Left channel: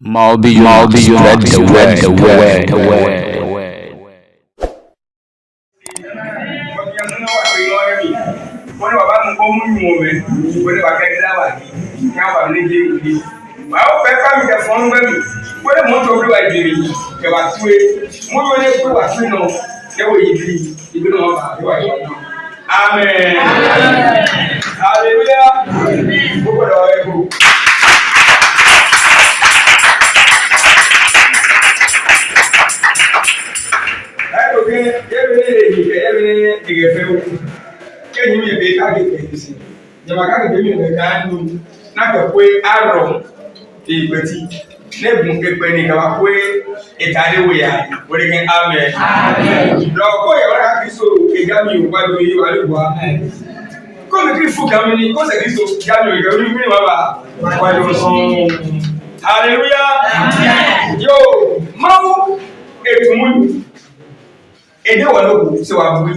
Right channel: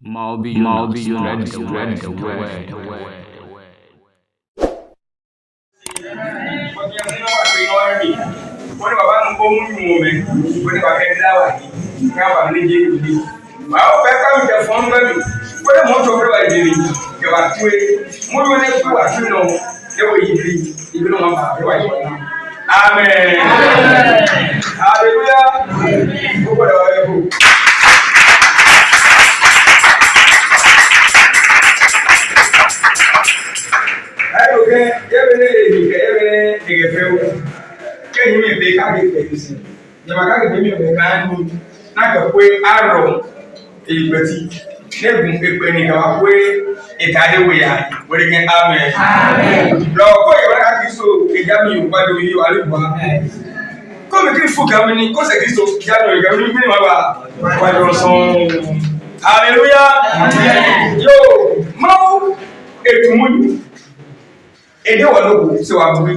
Malby, spread the word. Wọ́n ní bàbá mi kó mú ìwọ̀n rẹ̀, wọ́n ní bàbá ẹgbẹ́ láwà yìí, ní àwọn àmì níjẹ́ ìwúdí. Báwo fẹ́ kámi jẹ fún ọ́n gbẹ́mí, wọ́n ní mọ́tò pé wà ìbèrè yìí, jẹ̀wà túwé, mo yóò ní pé wà tún náà, ẹwọ́ yìí bí ibi náà wọ́n bá wà ìwà náà. Amen. Hallelujah. Gbogbo ẹ̀rọ ẹ̀kọ́. Ẹ̀rọ kẹ́ yẹ́bẹ̀rẹ̀ èyí kẹ́ yẹ́bẹ̀rẹ̀ ẹ̀gẹ̀fẹ́ wò. Kẹ́yìn mi bẹ káàkiri kẹ́kẹ́sì. Nyama káàkiri mi bẹ káàkiri náà kẹ́kọ̀ọ́ àrọ̀ ìgbẹ́tì. N'egun pépé ni kàwá pé ìtàdé wò yá wọ́n ní amen. Lọ́kọ̀ yẹn wọ́n káàkiri so ìjà mi ò gbádùn yìí wà lóba. Kọ́mi kiri fún gàmí ni kó sẹ̀kí so ìjà mi ò gàmí ni bí wọ́n bá wájú sùn. Hallelujah. Yo, máa ètò mú èdè wà lóko ṣe wà bùbí.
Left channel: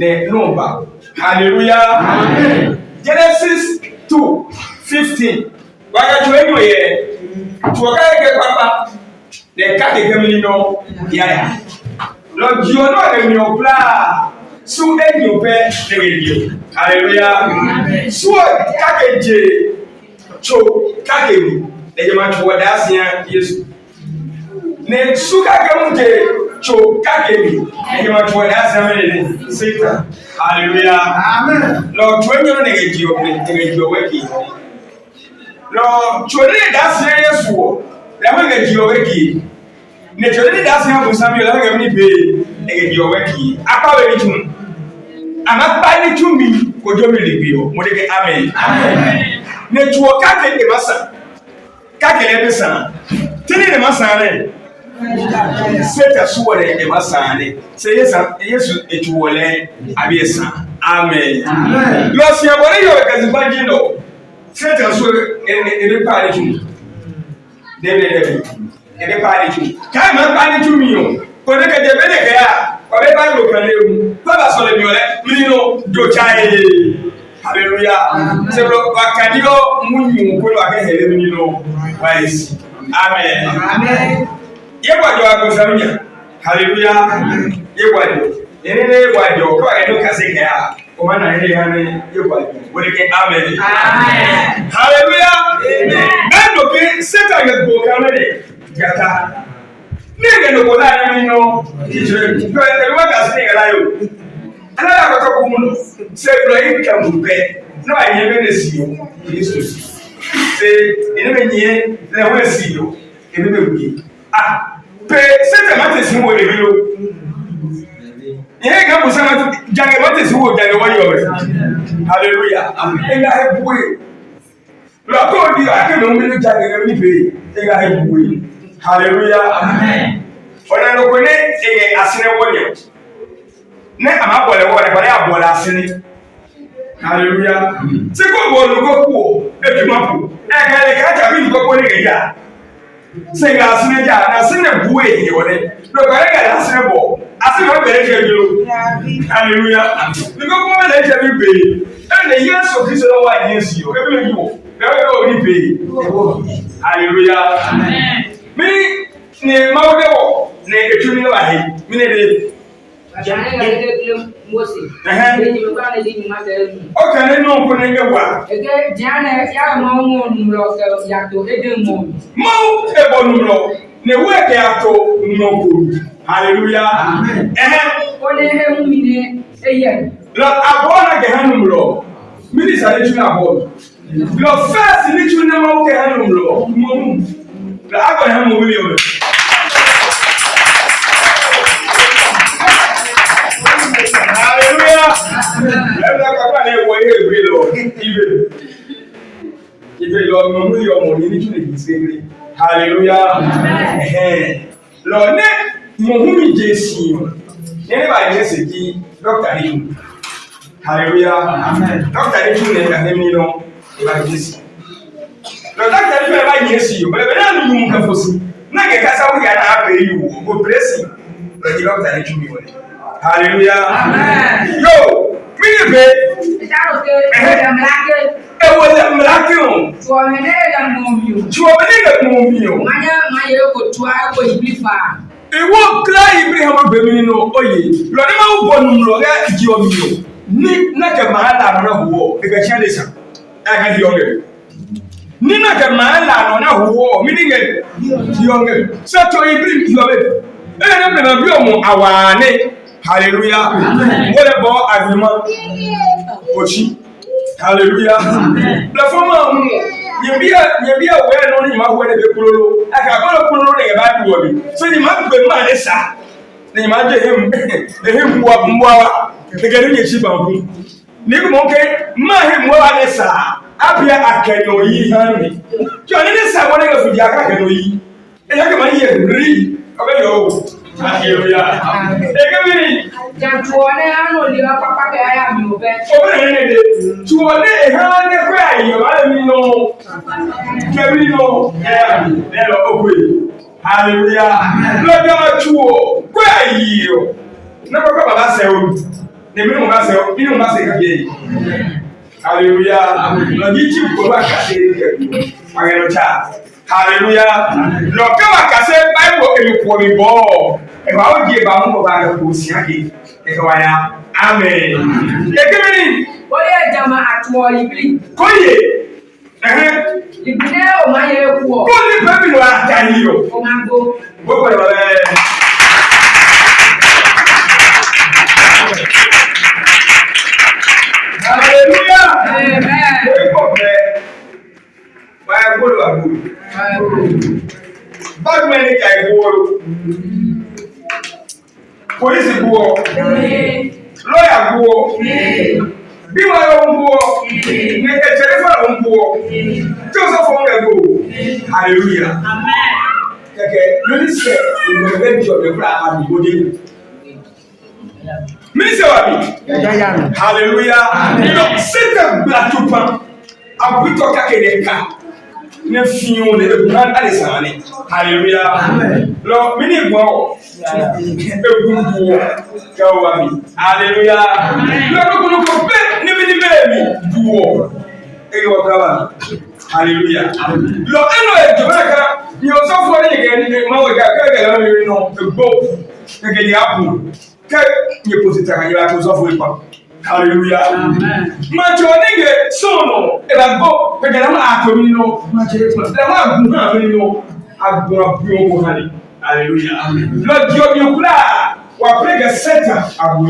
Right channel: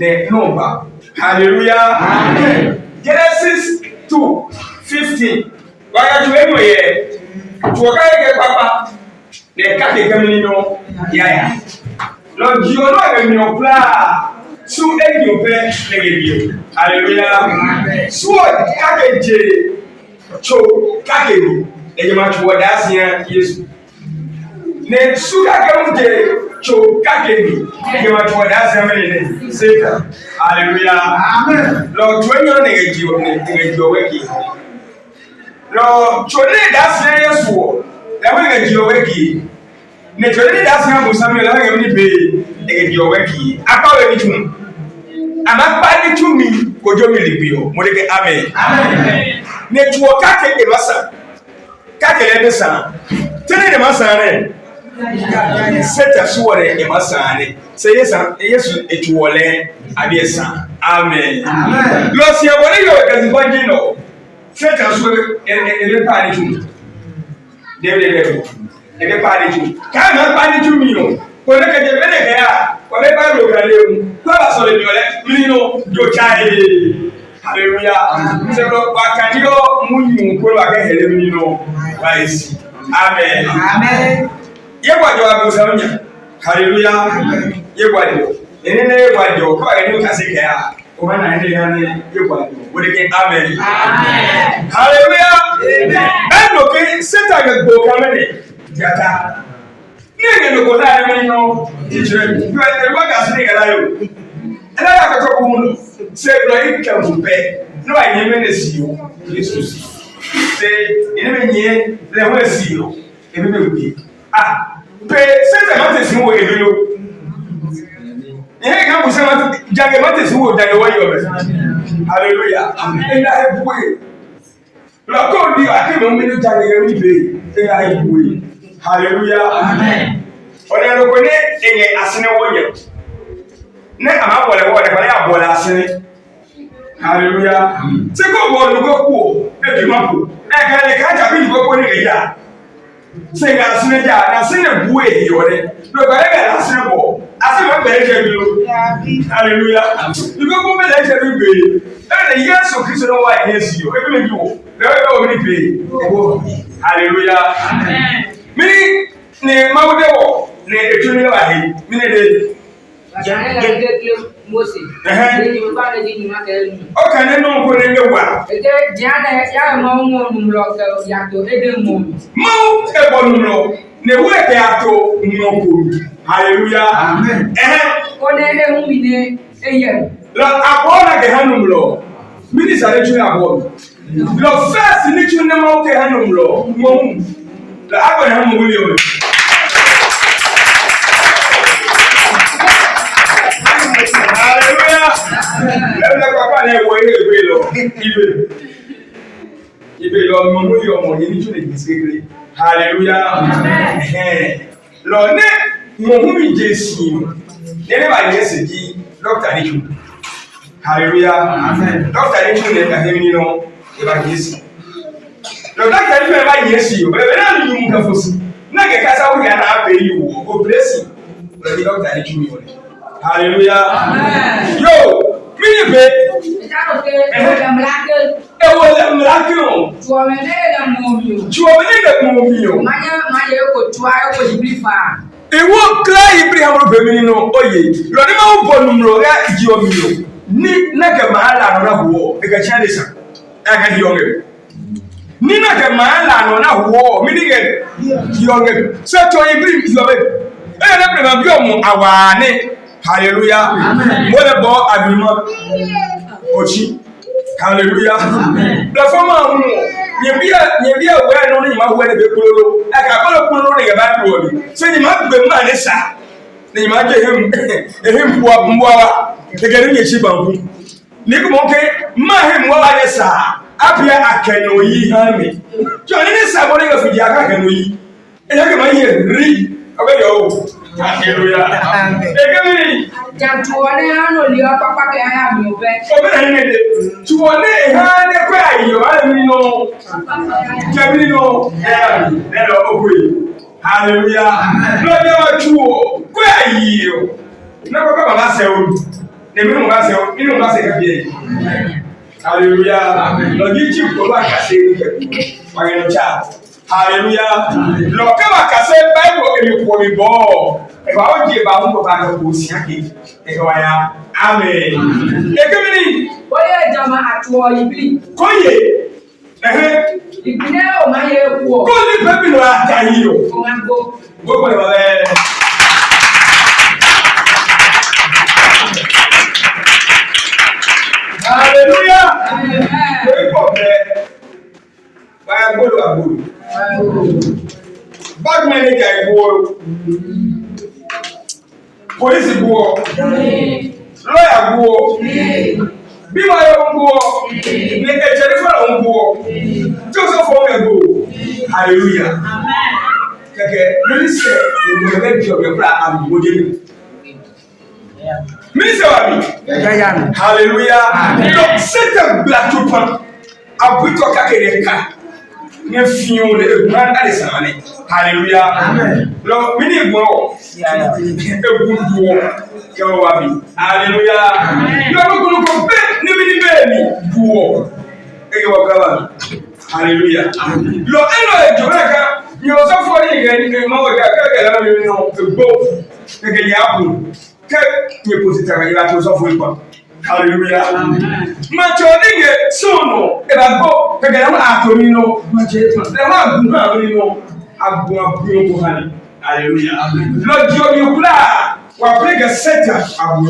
Number. Hallelujah. Amen. Genesis 2:15. Why you anyway? To a guy papa. The cat is coming no. Yeah. Lord, you know when you apply. So then you pay the radio. Hallelujah. Amen. So cabbage. Cho cabbage. The man what that's here. Yes. Ne suka cabbage. Cho kakemi you want to ask him Satan. Hallelujah. Amen. Lord, when you're negative working. Lord, children that's serious for. That will get you working. Naturally, that's how Samuel have any pay negative working. About it. I'm not buying to me. Go to me, Modeke. Amen. Amen. Network kake the massa. Kake the son. Tell the massa. Seta suware e masane say yes etuwole abiesa amen lo si abore yo kazibanji no seta suware e pari tu debe e pari tu ka ma pari tu mi yo ko ne ke debe ne ke ya ko be ba lo kan lewu ko ba so le mi ole mi no jo chai hallelujah se lo ba kadigo munyu ko ba ke hele mi no wa esi amen amen. Yegwadi wa kusamunya. Hallelujah. Yegwadi. Enene yegwadi o kwa gani ukaseke ya. Omana ene yani yegwadi. Wodeke amen. Amen. Hallelujah. Amen. Endo ke Satan yegbo kamene. Jata. Nenge no kola yemi no. Tijere. Yo ewa gasini ngala yo. Ala ya ko to kumuno. Se glory kambe. No ayeme ne siyo. Jesus. Se eneme nye le we siyo. Eneme wi. Satan mate si wo ebi o. Ihe ga bu sana jange mate si wo jange wo yo. Hallelujah. Ina hebuwe. La ko di ake mo mi jange ga ni be. Ina hebuwe. Hallelujah. Amen. Ona no ko ne enye asene wo nye. Ne ama bole wo ne bale abola asene. Hallelujah. Se ko bo lu ko ku e bi mapu. E ga le ka ja bi ni ko ni ga. Senga asine ja na sine buwe yore no ko ega na sine bo asine be je bi lo hallelujah because ko be je bi be e na Yesu Kristo no wa Yesu yo e bi me wo be o ni be hallelujah amen mi ne mawde wo ne etuni wa he mi ne de jana na de Moses de ni ba na di ma ke ni o kan ne no ko ne ngewa e de jana ya ma mo num lo ke ya to e de mo mau e bo num lo ne we ke ato no ko hallelujah amen o ne he hu mi ne e ye lo abona ke hanum lo mi sa le tuna abona lo first ni tuna mau ke hanum lo mo la agba hanum wuli o hallelujah. Let papa ni wo ile ibe lo. Ibe lo mo mu yo mo ni tun le sekere. Hallelujah. Amen. Lo ne mo hu mi Jesu. Ne ba ni seki doctor ni. Hallelujah. Amen. Doctor ni tun le da ni no e ba Jesu. Lo doctor ni ba Jesu yo. Be na ni mu ka fosi. Na ke kasa wo ya na ape yi wo. Go bless you. Lo di doctor ni tun mi wo. Hallelujah. Amen. Yo, mini be. Ita o ke mlake. E wo le mlake o. Tuo me ne ga mo mi o. Tuo me ne ga mo Try to be far. Ewo kra Ibrahim bemini no oye lo ne ma wo numro ga iji omi yo ni na ke mahala no na huo e ga chia desa aka di onge ni na ke mahala no na huo mi ni ge di onge so to Ibrahim yo be e na be na bi omo awane hallelujah amen mo le bo agreement ochi hallelujah amen la fama mu Yebia we no ni ma wo ne be kulolo aka bolo kulolo ne ba bi wo bi so ni ma gbe ma ne sa ni ma je hem mwa ke gere ni chi banku ni ko mo ke ma hem mwa ne sa apia akeno yi ha mi jo ni ne sa bo ne ga fudi aka akeno yi e ya ke ma ye ri abe yo hallelujah e ke mi Jantuone ano liwa papa ke aya mi obe. Obe ne de tuone e ha ne kwa ayo ala mi no Kevin no ne lo ogwe hallelujah lo bi ma tuo kwa ayo na ko baba se o ne mi no ba se o mi no ba se ka bi hallelujah lo ji chi ko ba ka se ke pa ke no cha hallelujah lo ka ba ka se bible e mi ko mi bo e ba o di e ba mo ba ko si ake e ko ya amen e ke mi Oye jama atuo ibili. ko ye Ibile o ma ye ku o. Ko ni pe bi no ata yi o. O ma go. Go le baba. Hallelujah. Amen. Ko be. Wa go lo abu. Bad manager go. Police go. Lawyer go. Bí wọ́n yọ ń bọ́ ní ẹ̀jẹ̀ ní fún àwọn ń bọ́ tí ó sọ fún ọmọ ẹ̀gbọ́ hallelujah kẹ̀kẹ́ mínísítẹ̀ ìgbìmọ̀ ẹgbẹ́ bí ọ̀gbẹ́ fúnra àbúgbòdé mínísítẹ̀ wà mí hallelujah nínú sẹ́tẹ̀ gbàtúpa àbútọ́ kákẹ́rẹ́ ká ní fíìmù ní egun àdìsàn ní hallelujah lọ mí ní ìgbọ̀n egun bọ̀ kẹwàá wà mí hallelujah lọ́dún kò bẹ́ẹ̀ níbi ní bẹ́ẹ̀ mi bọ̀ ege wà kaba hallelujah lọ ẹnu ẹ̀jọ̀ bẹ́ẹ̀ ká ní ọ̀sán fún ọdún yìí kẹ́ ní máa wọ̀ ká kẹ́kẹ́ lọ́nà mi nù egbò kẹ́kẹ́ ní àpò kẹ́ ní pòsìtà kẹ́ yíra tó sọ fún ipa hallelujah màtí ọ̀nà ìgbẹ́ sọ̀nù ẹ̀bà gbọ́ kẹ́kẹ́ lọ́nà àtọ̀ mi nù màtí ẹ̀wọ̀n àgùn hàn mi nù àgùn àbúrò kò hàn ní hallelujah lọ di omi kúrà wà pé kẹ́ sẹ́tà àgùn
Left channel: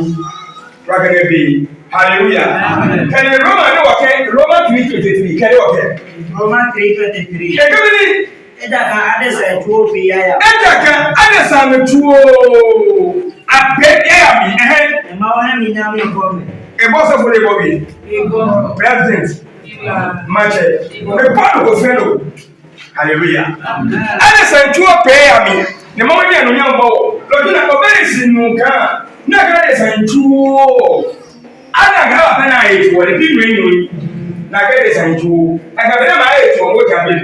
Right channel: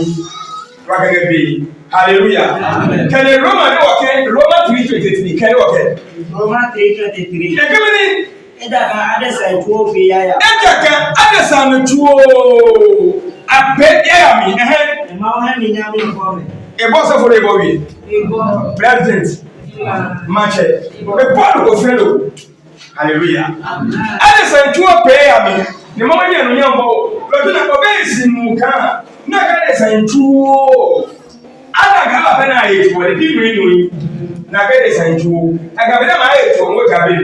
wà kẹ́kẹ́ bẹ́ẹ̀ hallelujah kẹ́ni Roma ní wọ̀kẹ́ Roma 3:23 kẹ́ni wọ̀kẹ́. Roma 3:23. Kẹ́kẹ́ mi ni. Ẹ̀dá kan adẹ́sà ìtúwó fi yáyà. Ẹ̀dá kan adẹ́sà mi túwó abẹ́ yáyà mi. Ẹ̀ma wọ́n hẹ́ mi ní àwọn ìbọn mi. Ìbọn sọ fún ìbọn mi. President Manche mi Paul kò fẹ́ lò hallelujah adẹ́sà ìtúwó pẹ́ yà mi ni mo ní ẹnu yẹn bọ̀ lọ́dún náà ọbẹ̀ ìsìnkú kan náà kẹ́ adẹ́sà ìtúwó. Ana gawa bana yetu wale bibi yenu na kile sanju akabida ma yetu ngo tabe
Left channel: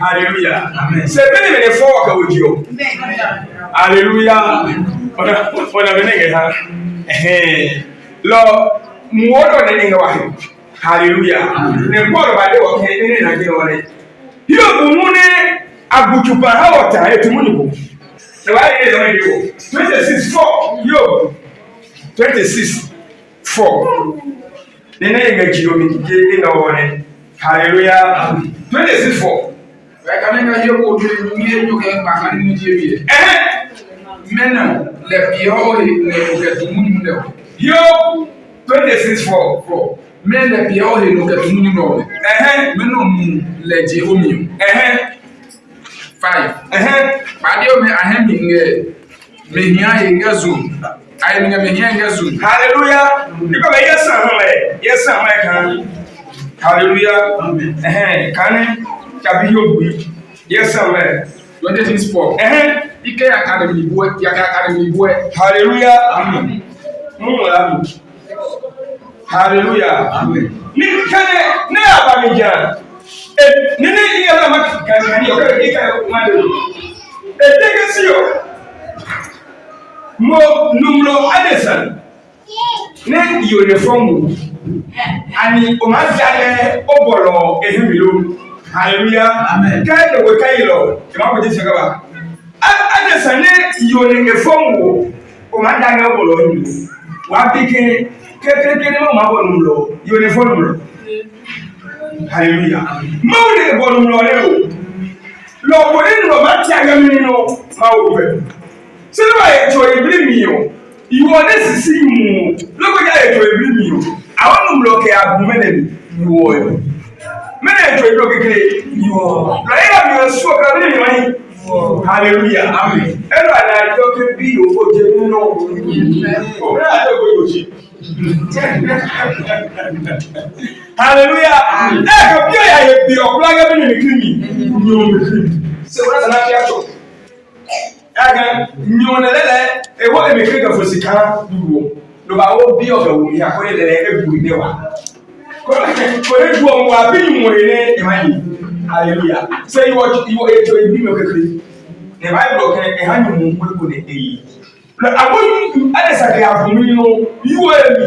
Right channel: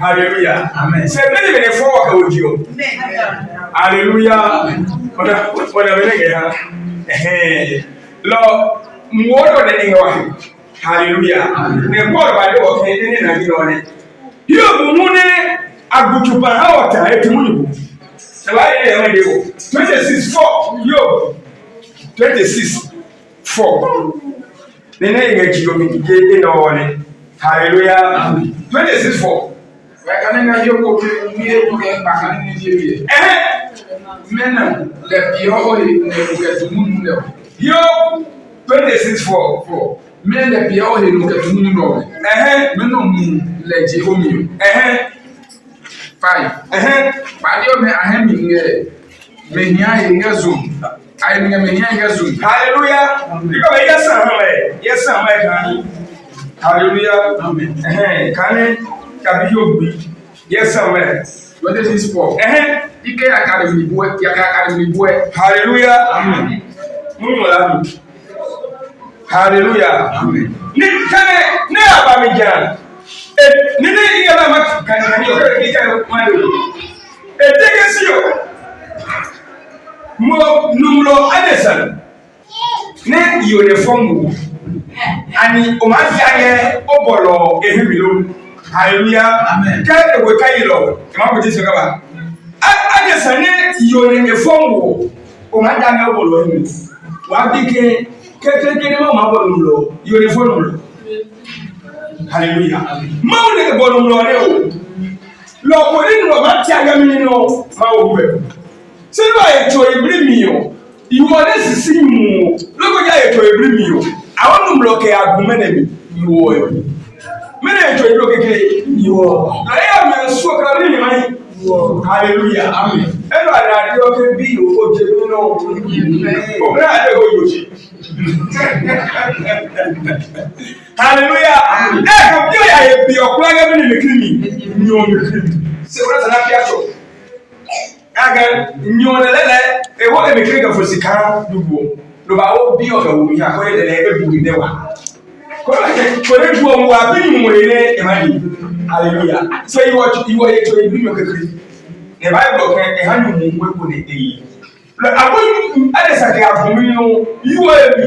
hallelujah amen se bene bene fo ka ojio hallelujah ona bene ngeta lo muodo ne ngwa hallelujah ne bolo bale wo ke ne na bi wone yo bumune agutupa hawata yetu mungu se wale ile ndio 26:4 yo 26:4 nene yenge jiyomi je ina wone hallelujah 26:4 Kanenga hiyo ko tuye nyoke bakani ni jiye. Mena le pio ori ne ko tumunyu le. Yo 26:4 Men le pio ori no ke tumunyu no. Mena mu le je omi. 5 Badio me ahemi nge me hia ye zoom. Ai me hia ye zoom. Hallelujah. Because yes am I can. Hallelujah. Amen. Can Kabiyo bi. Yes am I. 26:4 Ike academy boy, academy boy. Hallelujah. Amen. Mungu hallelujah. Amen. Ni kane ne abamija. Nini ingala makani okere ika mando. Etekesio. Mo numlo adesan. Ne uniform. Ani omajaye obolo ehimilo. Hallelujah. Amen. Kede we kai lo. Ima ko jisi kaba. adesane yone efonwo o ma da nga bolo ni wa bike kekeke ni ma bolo mlo yone fonu mlo hallelujah ma o ne bolo mlo le o lo ko ni no ma ti aga mi no ma o be se no e to ibri mi o iwo ne sisi mu lo ko ja e to ibri mi o awon mlo ke agume na mi iwo e mene e to ido kekeke iwo lo ya mi so ka ni mai hallelujah amen eno adadi o ke bi o je nínú o me ade go yoshi hallelujah ka bi o ya ye bi o kula ga bi ni krimi ni o mi krimi se wona sana fi acho aga nyo na lele e wo e mi krimi ka fosika duwo lo ba o bi o fe wo mi ha ko le e bu de wa ko le duwo mo wa bi mu re e ma ni hallelujah say you are to bring your kekere the bible can e hanyu mu ngwe ne eyi lo aboyu adesake agumi no you are me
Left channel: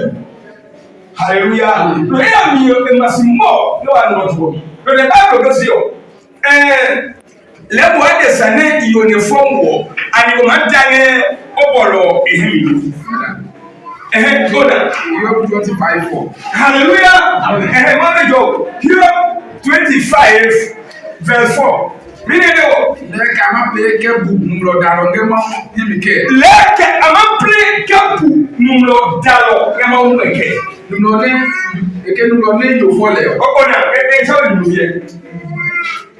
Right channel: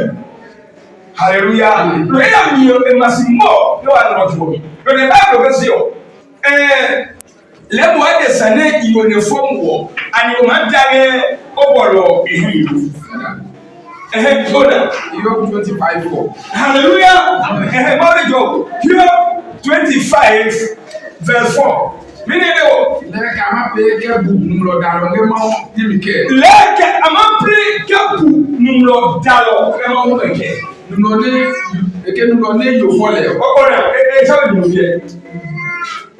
hallelujah lo e am yo e masimo no an what for me lo the bible go say o le mo adesane iyo ne fonwo ani o ma dane obolo ehimi Job 25:4. Hallelujah. Mother Job, Job 25 verse 4. Meaning Leke ama peke bu numlo dalo ngema yimike. Leke ama peke bu numlo dalo ngema umeke. Numlo ne yo fole. Ona so numye.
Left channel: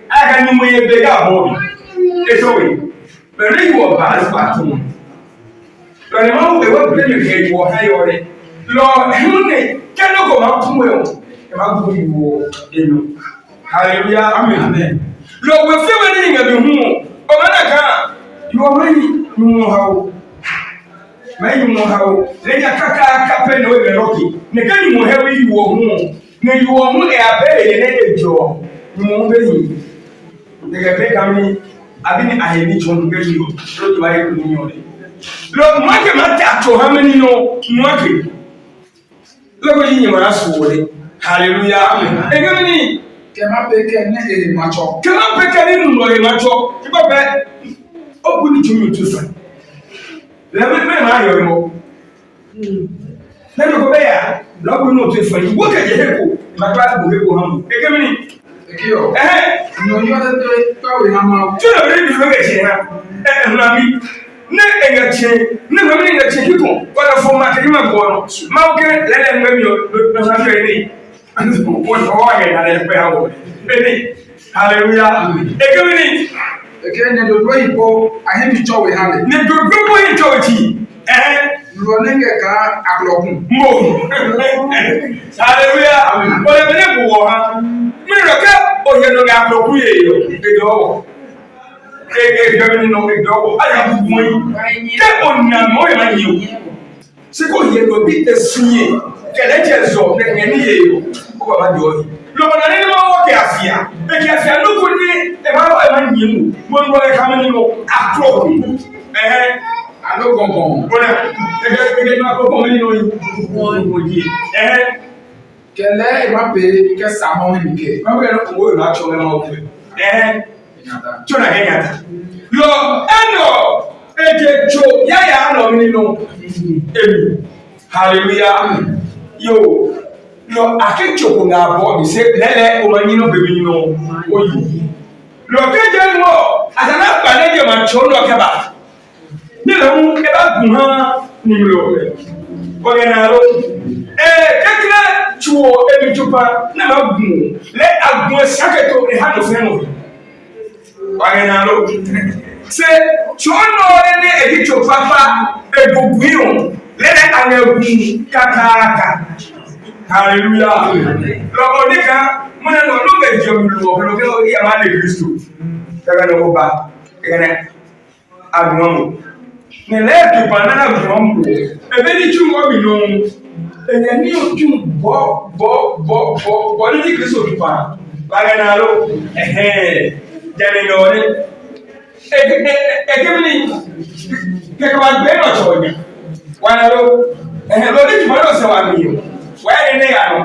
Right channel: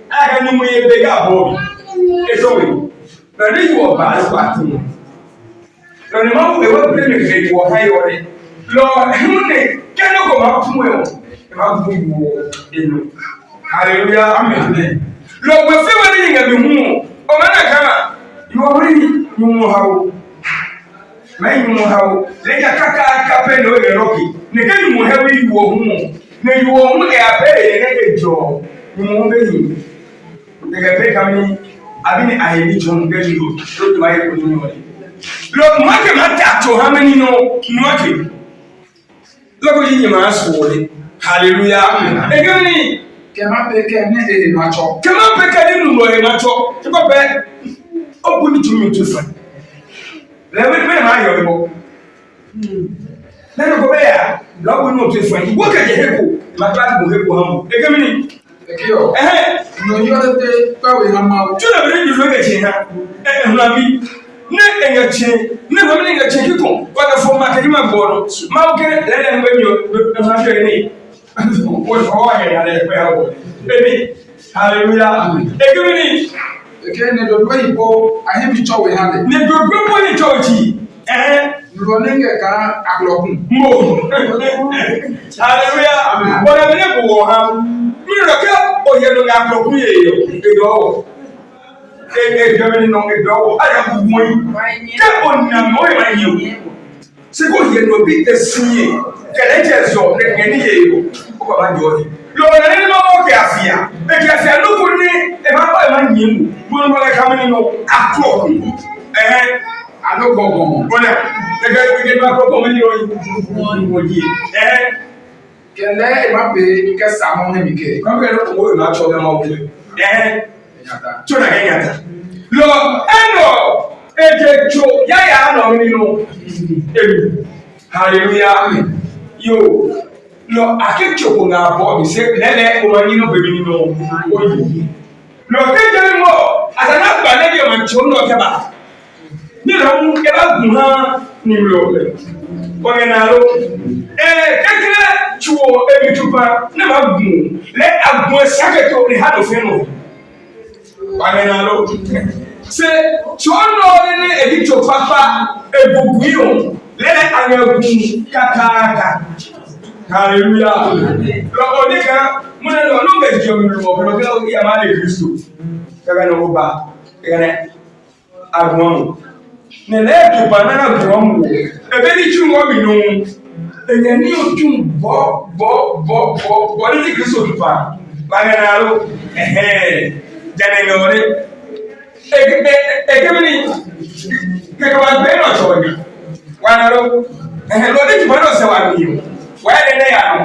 Aga numye be ya bo. Eso we. Na ni wo ba lo kwatu. Lọ́nà máa ń wẹ̀ wọ́n pèlè nìkan ìwọ̀ ha yọ rẹ̀. Lọ ẹ̀hún ní kẹ́lẹ́ kò máa fún ẹ̀ wọ̀. Ẹ máa gbọ́ ìwọ̀ ẹnu. Hallelujah, amen. Lọ wẹ̀ fẹ́ wọ́n ní ìyẹn bí hun o. Ọmọ náà kan, ìwọ̀ wọ́n ní ìwọ̀n ha o. Máa ìwọ̀n ha o. Lẹ́yìn akáká kápẹ́ ní ọ̀rẹ́ lọ́kì. Nìkan ìwọ̀n ha wí ìwọ̀ hun o. Ní ìwọ̀ hun ẹ̀ abẹ́rẹ́ yẹn ní ẹ̀jọ̀. Ìwọ̀n hun bẹ́yìn. Gẹ́gẹ́ bẹ́ẹ̀ kàmí àbí ní àyẹ̀bí jọ̀ ń bẹ́yìn o. Lójú ayé kò ní ọ̀rẹ́. Look, mwake matato how many no mwake. Look yini masore. Hallelujah. Egeni Kema peke ne e macho. Kema peke ni nulo e macho. Tipo be opuni tumi tufa. Lewe me ma yo mo. Nene ko be ya, lawo no tufa. Wo ka je heko, ma ba ko heko hamu. Egeni Ekio. No yo de tawe hamu. Tuna be ni lo ke che ha. Nabi ne engache ne family engache kiko wala for market ma goro ma oke lele ngwe na fa ni wo to wa ga na pe hawo beni hallelujah ekemini ekene do do ipo ahemi chowe hale ne do do po ni chochi lo nenge ka aklokun mo hallelujah wala bene buwo ha mi ro ka o ye no ga aklokun ye yo edo Gẹ́gẹ́ nínú ìdánwò ayàbùgbùn yìí kẹ́kọ̀ọ́ nàmọ́ ìmáyẹ̀wò sí kò yẹ lọ bí ẹ̀sìnyẹ kẹ̀lẹ́jẹ̀ zọ lẹ́gbẹ̀ẹ́ ní yẹ̀yẹ̀ ó bàbá jọ yìí lọ́wọ́n ní ma wọ́n kẹ́ àfíà èdè àfíà lóko ní ẹ̀máwọ́ ìmáyẹ̀wò wọ́n wọ́n ẹ̀ka mi nínú àtọ̀ alógọ̀gọ̀ bọ́lá gẹ́gẹ́ bí akọ́kọ́ mi nínú ìwòye kẹlẹ́ ìmápe kẹsà mọ́ mi kẹ Chona ngata. Lo eno ejecho yaya no nínú emi. Hallelujah. Yo. Lo akecho ko na bo bi se lele o yin no bebi nínú oyi. Lo keje mo asana gba na je ma cho no ke ba. Ni la mu e ba gun ha ni lo le. O ge na lo kekere chuo ebi chupa na ma gun le agun saketo e ha do fe no. Wagenalo se chono ne edicho papa ebuguion lele anyagun kakaka hallelujah lo onika mona no lo be jomi lo ko lo ya ma le Kristo kaga no ba ene agwon ne le du banana agwon ebe ni chumo mi no enye ni otun bo ni Kristo du pa wagenalo Janengore ekemini kekwa beno chonya wanaro lo ni tibano se wa mi wa ne ya no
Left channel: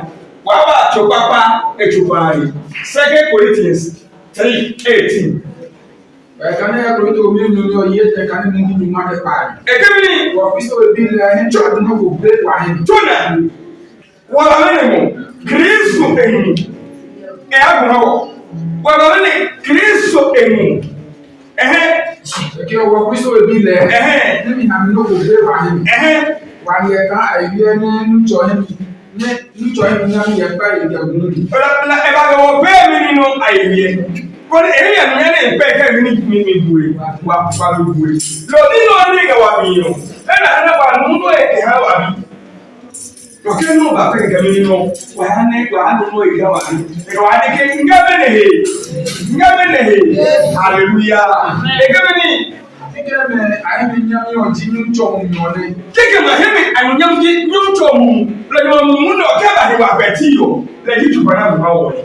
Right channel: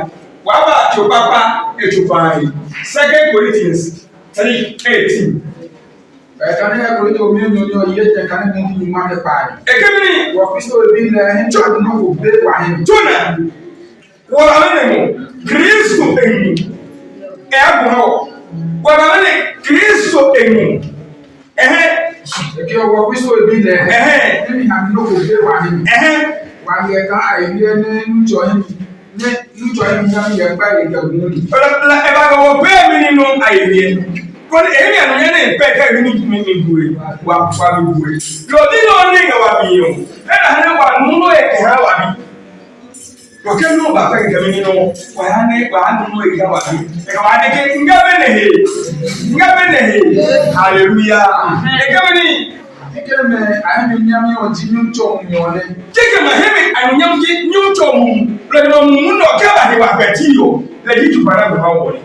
wa ba chopapa echupai 2 Corinthians 3:18 Can I agree to me? You yet can you market by? Ekemi What we still be there and try to know big one. Tuna wabane Kristo enu eago wabane Kristo enu Okay, what we still be there. Let me have no big one. One year I hear you join me by the la eba go pe mi no ayie ko eri anu ye ne pe ka mi buwe wa mi buwe lo ni no ni ga wa mi yo na na wa nu no e ha wa bi okay no ba ka ga mi no wa nu no e ga wa bi e wa de ke ngabe ne he hallelujah e ga mi Kekeme ayemi nyami oji nyucho myone. Kekeme hemi anyam ji nyucho mu. Le mu no ke ba he wa beti yo. Le ji tu bana ba wo ni.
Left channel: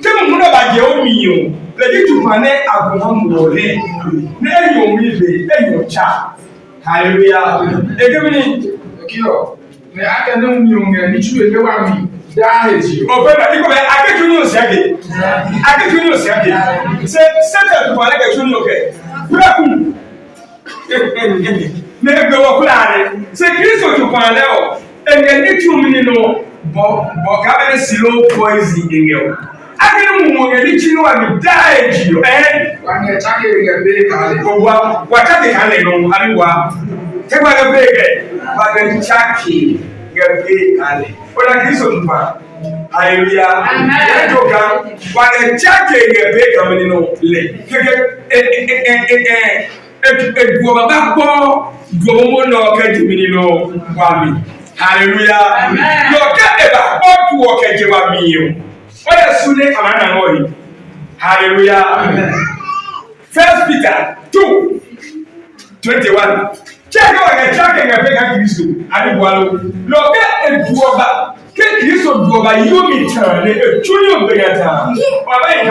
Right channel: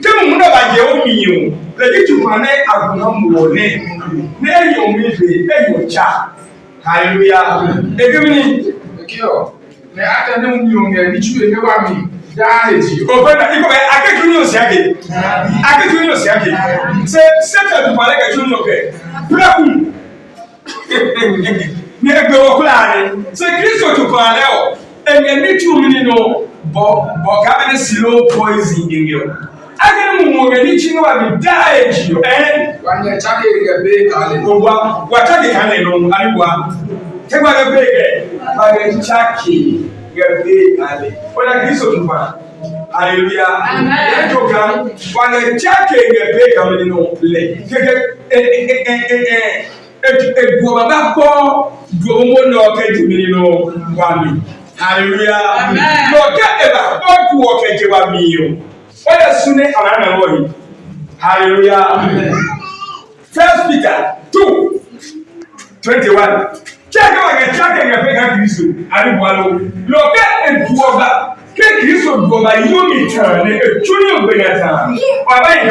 Ke mu no ba je o mi yo. Le ji tu bana aguna mu wo ni. Ne yo mi be e yo cha. Hallelujah. E ke mi Kio. Ne aka ne mu yo nge ni chu e wa mi. Da eji. O be na iko be ake tu no se ake. Ake tu no se ake. Se tu bana ke tu no ke. Brakum. Ne ebe wo kula ne se Kristo to fa le o e ne tu mi no bo ga be silo poison ngeo agene mu mo ni chi no wa mi die ji o wa ne chake ge be kale o wa chake kale no ani wa te wa ge be ge ba ge chake ge be kale o la Kristo to fa hallelujah amen e to ga wa ge chake ge be kale no le ge Ebu baba ko duomo no ka jimini no wami hallelujah amen yo ka eba o tu o ka je wami yo o ya sune anana no yi hallelujah amen 1 Peter 2:21 cheke wa ka cheke ga pe ka Kristo ari bwalo lo ka ebu oba ke Kristo du oba yo mi tan ne e tuni o be ga tan baba yi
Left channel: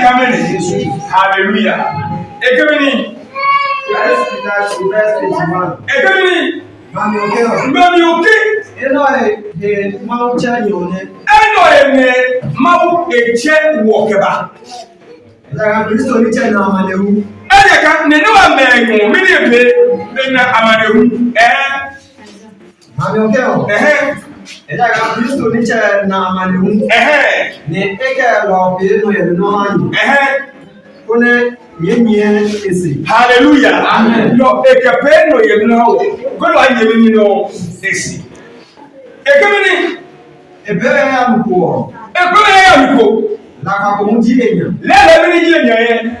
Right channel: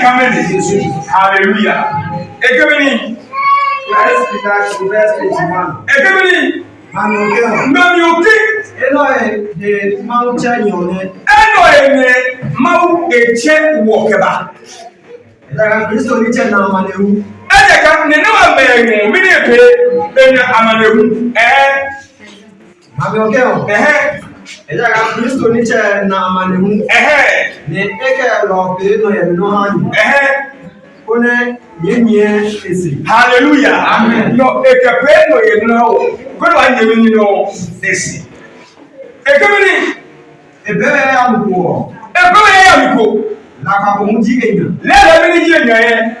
kamene hallelujah Ekemini. Ekemini. Mami oke. Eno e mau chanyone. Eno e mau eche wokeba. Eda Kristo ni che na amanehu. Eda ka ne na wa mengu mi ne pe na amanehu. Mami oke o. Eda Kristo ni che na amanehu. Ne eke lo pe no ye no hanyu. Kone yenye esi hallelujah amen no ekepe no ye no ko do anye mi no esi ekemini ebere ya mko la ka ko mu ji enya le mi ni ji enya ye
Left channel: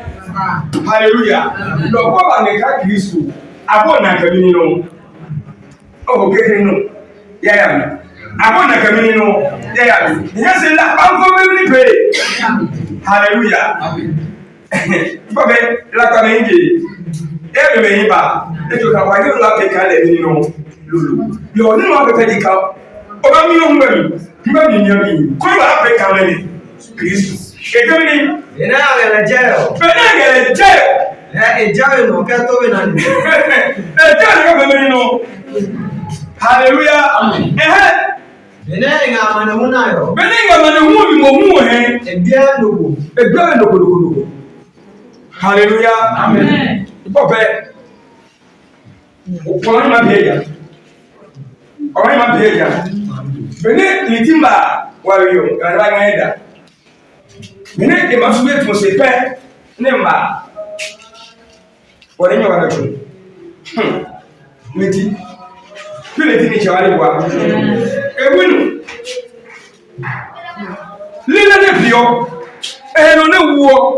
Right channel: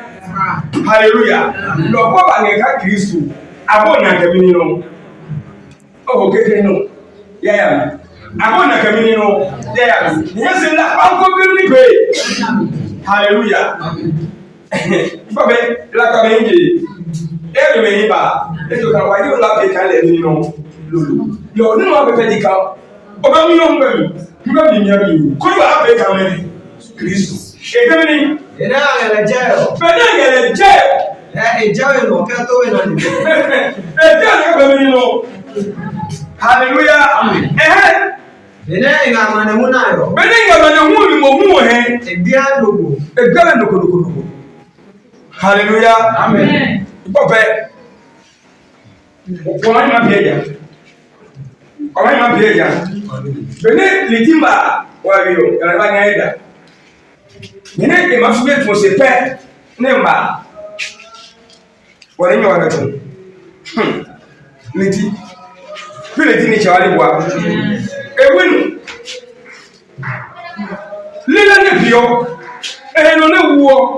hallelujah no ko ba ne ka Kristo abo na kemini no o keke no ya abo na kemini no ya yes la banko bi ni pe hallelujah amen Babe, la kamenje. E be ba. E to ka wa yo la pe ka le ni no. Lulu. Yo ni wa pe di ka. O ba mi no mba mi. Mba mi nya mi. Ko wa pe ka le ni. Kristo. E ke ni. Ena ya jeo. Bena ya le jeo. E jeo no ka to be na ni. E jeo ka be ni no. Hallelujah. Amen. Bena nga manehu na yo. Bena nga manehu mi mo mu he. E bia ndogo. E bia ndogo. Hallelujah. Amen. Ipope. Kwa ma bieja. Kwa ma bieja. Bene litimba wayo, kana ngaida. Bene e masube to se pe nemba. Wale nyo wana tu. Liti. Liti ni chawali bwa. Ewinu. Lila ne bio. Eno ne wo.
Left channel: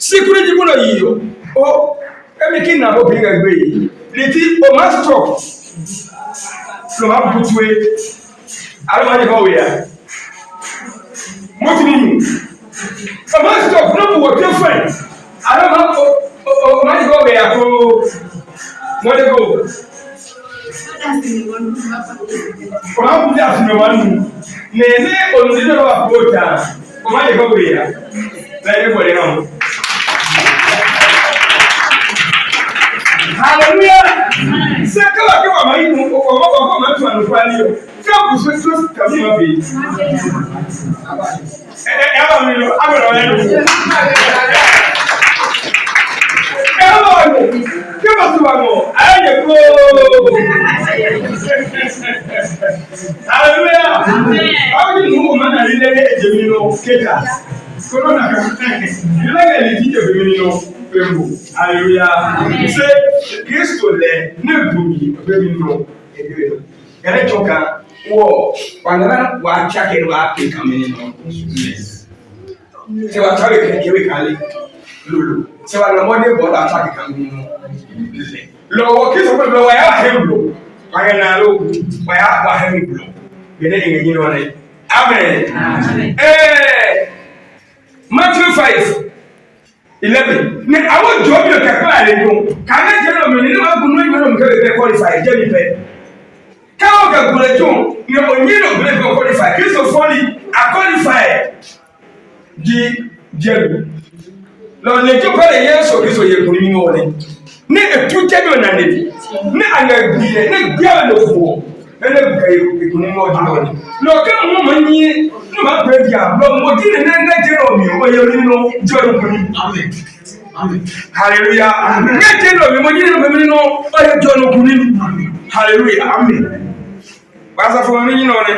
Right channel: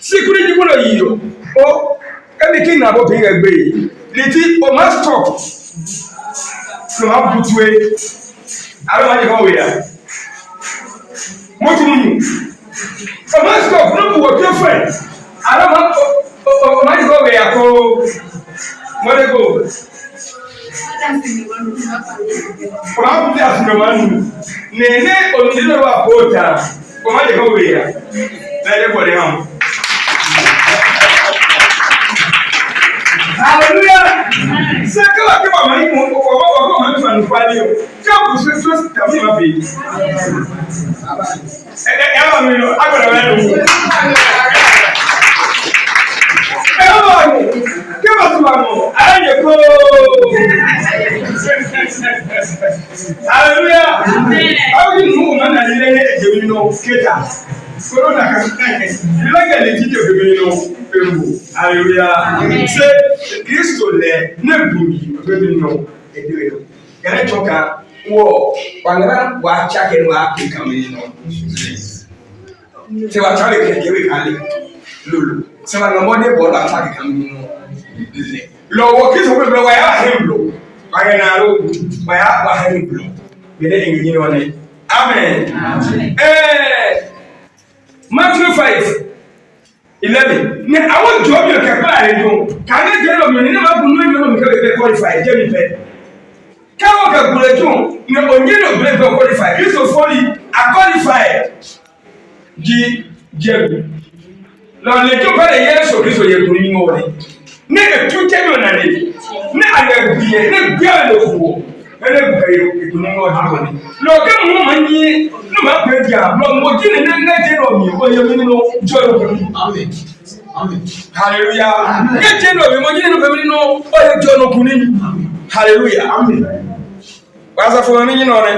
Sikuri di bono yiyo o emi kin na bo pe gbe yi leti o ma stop so ma butwe ara ma je ko we ya motimu o ma stop no bu o te fe ara ma o ma je ko we ya ko mo de go o ma bu da fun ma nu ne o ni de wa bota o ma je ko we ya le bo de han hallelujah se kala ke mama yi mo ko ma tu anu kwali yo ke bu so ta mi ma be ba mi no agora we no skater. So no na you like the teacher be me no pembo. Hallelujah. Say Kristo le na bumi be me no edo. Gane choka wo wanara wa chake wa Africa me no. Say wa chale ke we kale lulu. Say wa no more ball attack kan me no. Lo wo Kristo be wa ya hemlo. Wa na lo wa ya wa hemlo. Gane engini no ne. Amen. Matthew 5:11. Ne awo job yo kepa ale do. Kana je lo mi ni ma bunu ni lo mi ke be qualify je mi pe. Ka o ke bule jo ni onye no bule be qualify. Kristo foli a qualify. Je lo le jo pare Yesu Kristo ye kuni ni wole. Ne e tute do na ne. Ne ayo biye ne bia lo fu. Ele bukayo kuni mo di wole. Lo ke mo mani no ma pe dia lo mo di ne na je no mi o ye mi no jo no kuni. Amen. Amen. Hallelujah. Ne je no mi mo di no mi no o ye jo no kuni. Hallelujah. Amen. Basa fo mi ni no ne.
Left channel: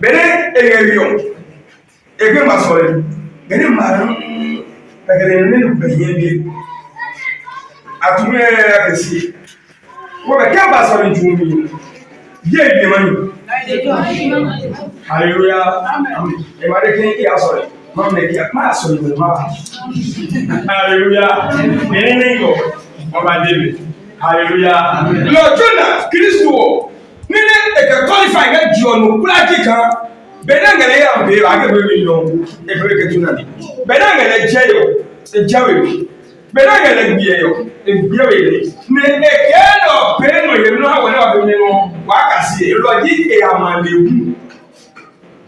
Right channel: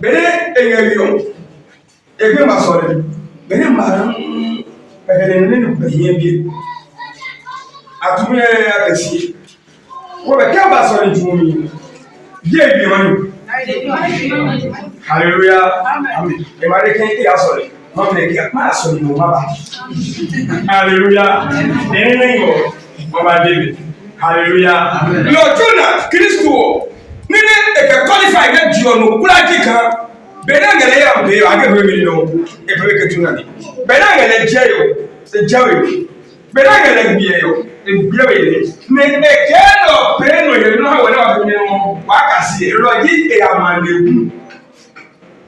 Bene eyeyo. Ege ma sore. Bene ma pegere ne no be ye bi. Atume akesi. Wo be ka ba sore jumi. Ye bi manu. Hallelujah. Amen. Emare ken e asore. Mom ne ki ma asore mo ma. Hallelujah. Nengo. Mama David. Hallelujah. Lord Jonah Kristo. Ni ne e ka qualify na dio no kula kika. Benangele ya mbe age be no. E be ke tuna ni. Benangele jeyo. E jawe. Benangele biye yo. E biye we. Ne e ke no pe no ye no ha wona wa be no. Wa kasi eroji e amanehu